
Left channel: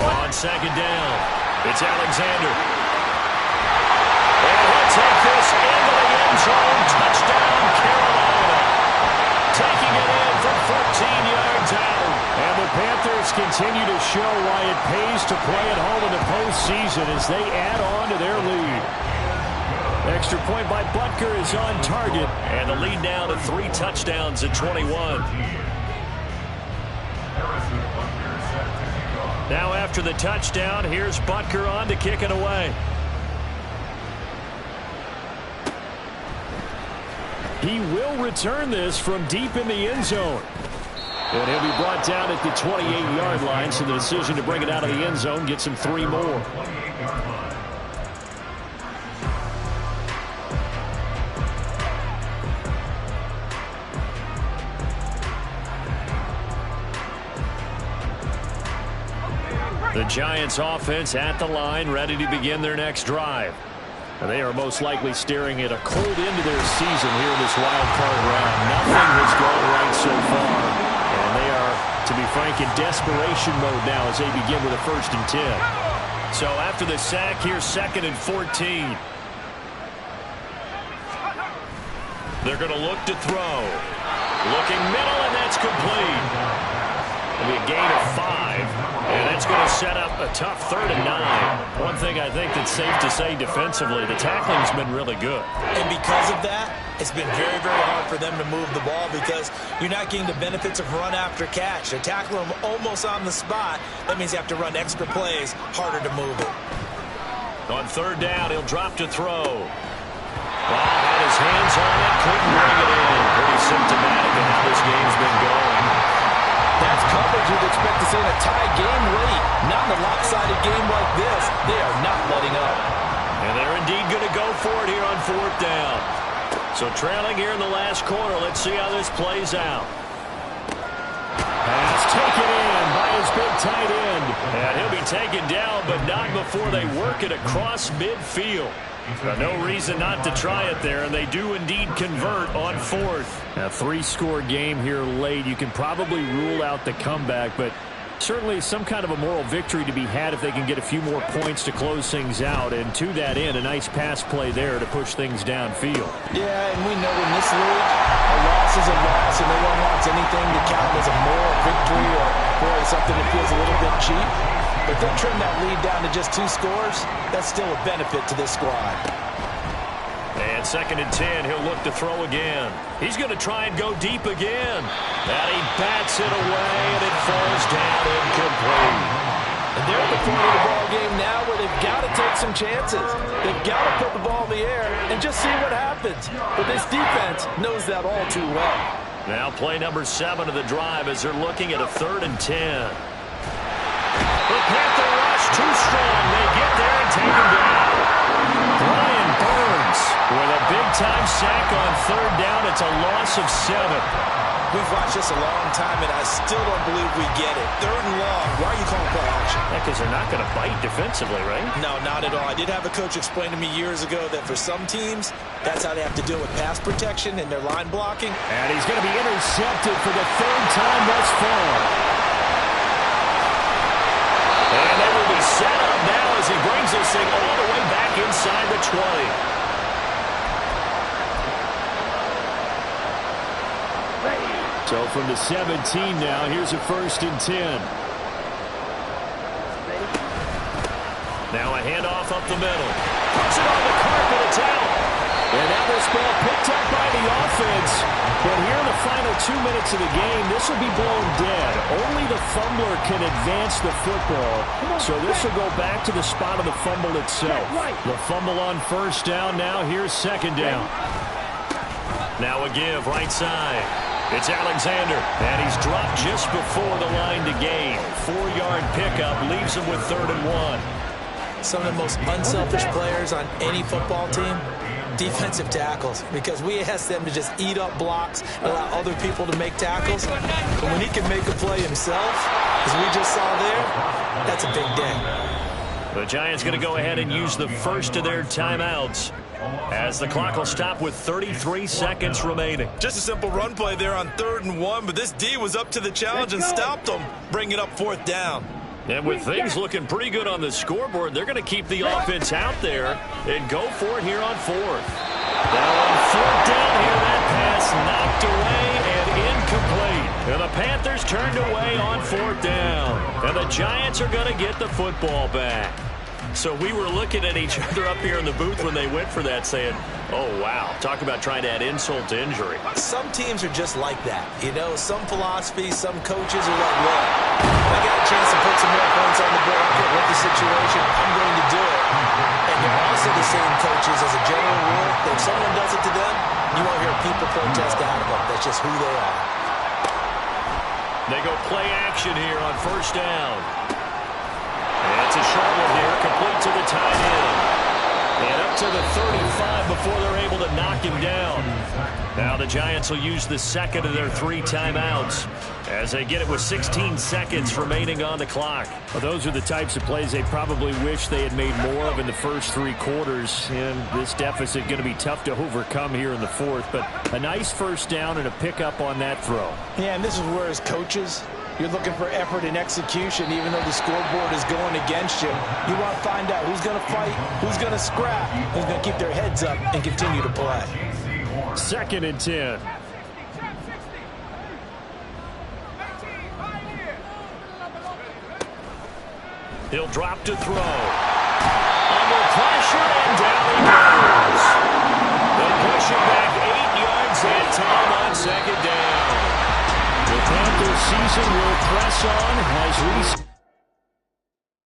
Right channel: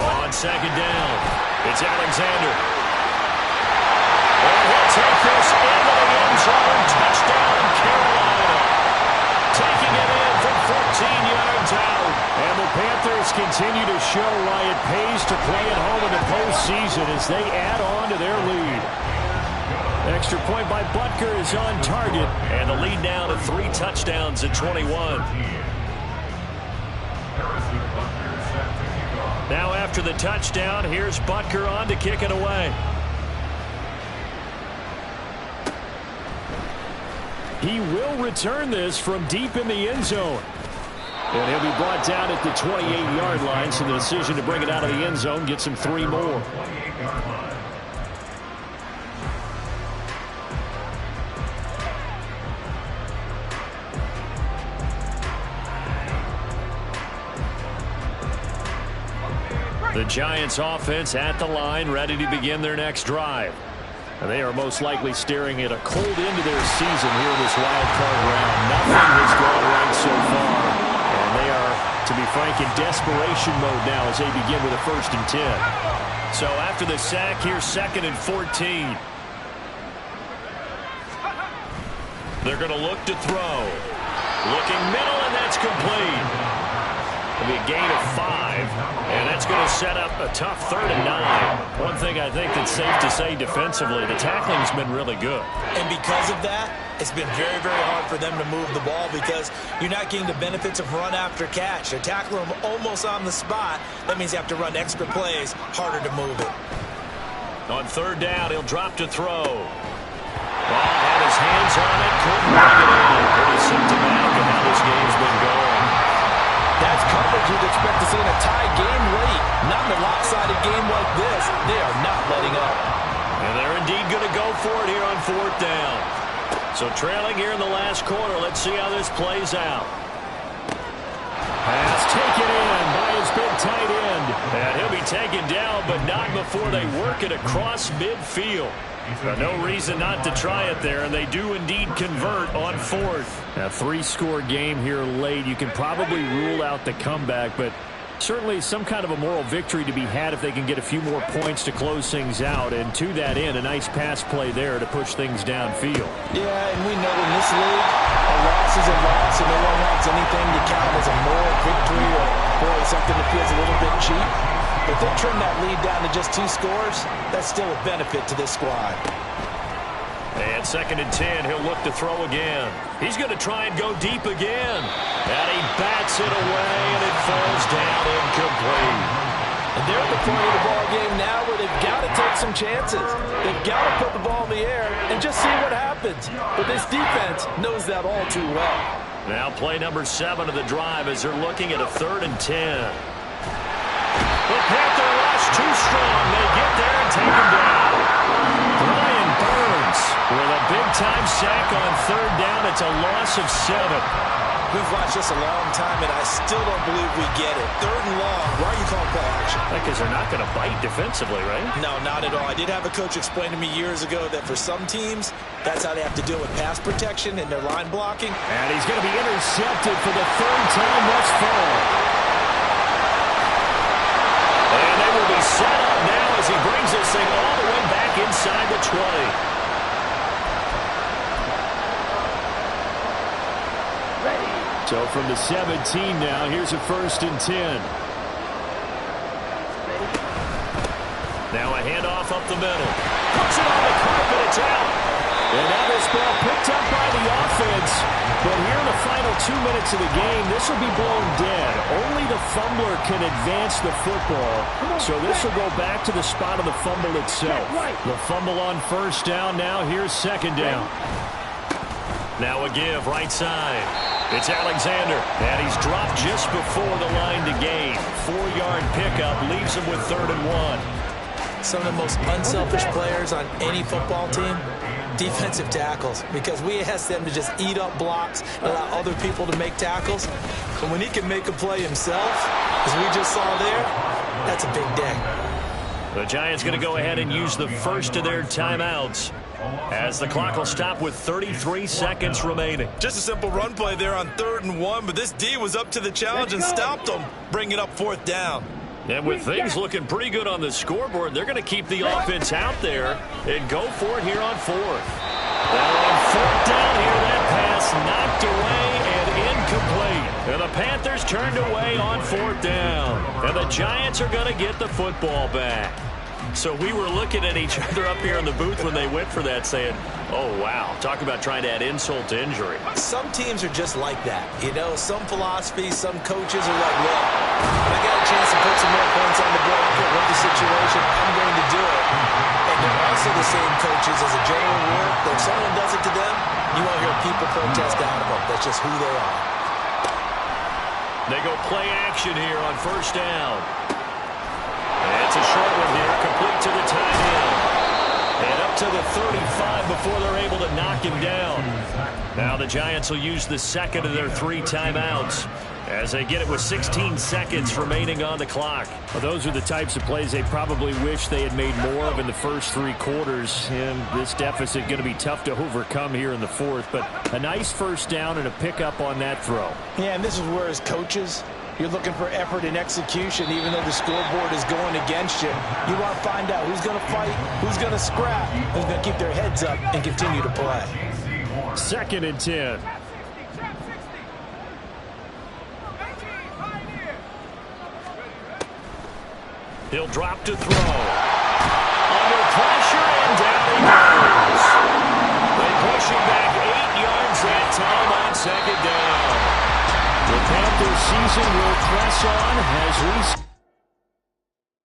On 2nd down, it's Alexander. And he'll take this into the end zone. Touchdown, Carolina. Taking it in from 14 yards out. And the Panthers continue to show why it pays to play at home in the postseason as they add on to their lead. Extra point by Butker is on target. And the lead now to 3 touchdowns at 21. Now after the touchdown, here's Butker on to kick it away. He will return this from deep in the end zone. And he'll be brought down at the 28-yard line, so the decision to bring it out of the end zone gets him 3 more. The Giants offense at the line, ready to begin their next drive. And they are most likely staring at a cold end to their season here in this wild card round. Nothing has gone right so far. And they are, to be frank, in desperation mode now as they begin with a 1st and 10. So after the sack, here's 2nd and 14. They're going to look to throw. Looking middle, and that's complete. It'll be a gain of 5, and that's going to set up a tough 3rd and 9. One thing I think that's safe to say defensively, the tackling's been really good. And because of that, it's been very, very hard for them to move the ball because you're not getting the benefits of run after catch. They're tackling them almost on the spot. That means you have to run extra plays, harder to move it. On 3rd down, he'll drop to throw. Ball had his hands on it, couldn't bring it in. Pretty symptomatic of how this game's been going. That's coverage you'd expect to see in a tie game late. Not in a lopsided game like this. They are not letting up. And they're indeed going to go for it here on 4th down. So trailing here in the last quarter. Let's see how this plays out. Pass taken in by his big tight end. And he'll be taken down, but not before they work it across midfield. No reason not to try it there, and they do indeed convert on 4th. A 3-score game here late. You can probably rule out the comeback, but certainly some kind of a moral victory to be had if they can get a few more points to close things out. And to that end, a nice pass play there to push things downfield. Yeah, and we know in this league, a loss is a loss, and no one wants anything to count as a moral victory or, boy, something that feels a little bit cheap. But they trim that lead down to just 2 scores. That's still a benefit to this squad. And 2nd and 10, he'll look to throw again. He's going to try and go deep again. And he bats it away, and it falls down incomplete. And they're at the point of the ball game now where they've got to take some chances. They've got to put the ball in the air and just see what happens. But this defense knows that all too well. Now play number 7 of the drive as they're looking at a 3rd and 10. The Panther rush too strong. They get there and take him down. Brian Burns with a big-time sack on 3rd down. It's a loss of 7. We've watched this a long time, and I still don't believe we get it. 3rd and long. Why are you calling play action? Because they're not going to bite defensively, right? No, not at all. I did have a coach explain to me years ago that for some teams, that's how they have to deal with pass protection and their line blocking. And he's going to be intercepted for the 3rd time thus far. And they will be set up now as he brings this thing all the way back inside the 20. Ready. So from the 17 now, here's a 1st and 10. Ready. Now a handoff up the middle. Puts it on the carpet. It's out. And now this ball picked up by the offense. But here in the final 2 minutes of the game, this will be blown dead. Only the fumbler can advance the football. So this will go back to the spot of the fumble itself. The fumble on 1st down. Now here's 2nd down. Now a give right side. It's Alexander. And he's dropped just before the line to gain. 4-yard pickup leaves him with 3rd and 1. Some of the most unselfish players on any football team, defensive tackles, because we ask them to just eat up blocks and allow other people to make tackles. But when he can make a play himself, as we just saw there, that's a big day. The Giants going to go ahead and use the first of their timeouts as the clock will stop with 33 seconds remaining. Just a simple run play there on 3rd and 1, but this D was up to the challenge and stopped them, bringing up 4th down. And with things looking pretty good on the scoreboard, they're going to keep the offense out there and go for it here on 4th. Now on 4th down here, that pass knocked away and incomplete. And the Panthers turned away on 4th down. And the Giants are going to get the football back. So we were looking at each other up here in the booth when they went for that saying, oh, wow, talk about trying to add insult to injury. Some teams are just like that. You know, some philosophies, some coaches are like, look, if I got a chance to put some more points on the board, I don't care what the situation, I'm going to do it. And they're also the same coaches as a general rule. If someone does it to them, you won't hear people protest out of them. That's just who they are. They go play action here on 1st down. And it's a short one here, complete to the tight end. And up to the 35 before they're able to knock him down. Now the Giants will use the second of their 3 timeouts as they get it with 16 seconds remaining on the clock. Well, those are the types of plays they probably wish they had made more of in the first 3 quarters. And this deficit going to be tough to overcome here in the fourth. But a nice first down and a pickup on that throw. Yeah, and this is where as coaches, you're looking for effort and execution, even though the scoreboard is going against you. You want to find out who's going to fight, who's going to scrap, who's going to keep their heads up and continue to play. 2nd and 10. He'll drop to throw. Under pressure, and down he goes. They push him back 8 yards that time on 2nd down. The Panthers season will press on as we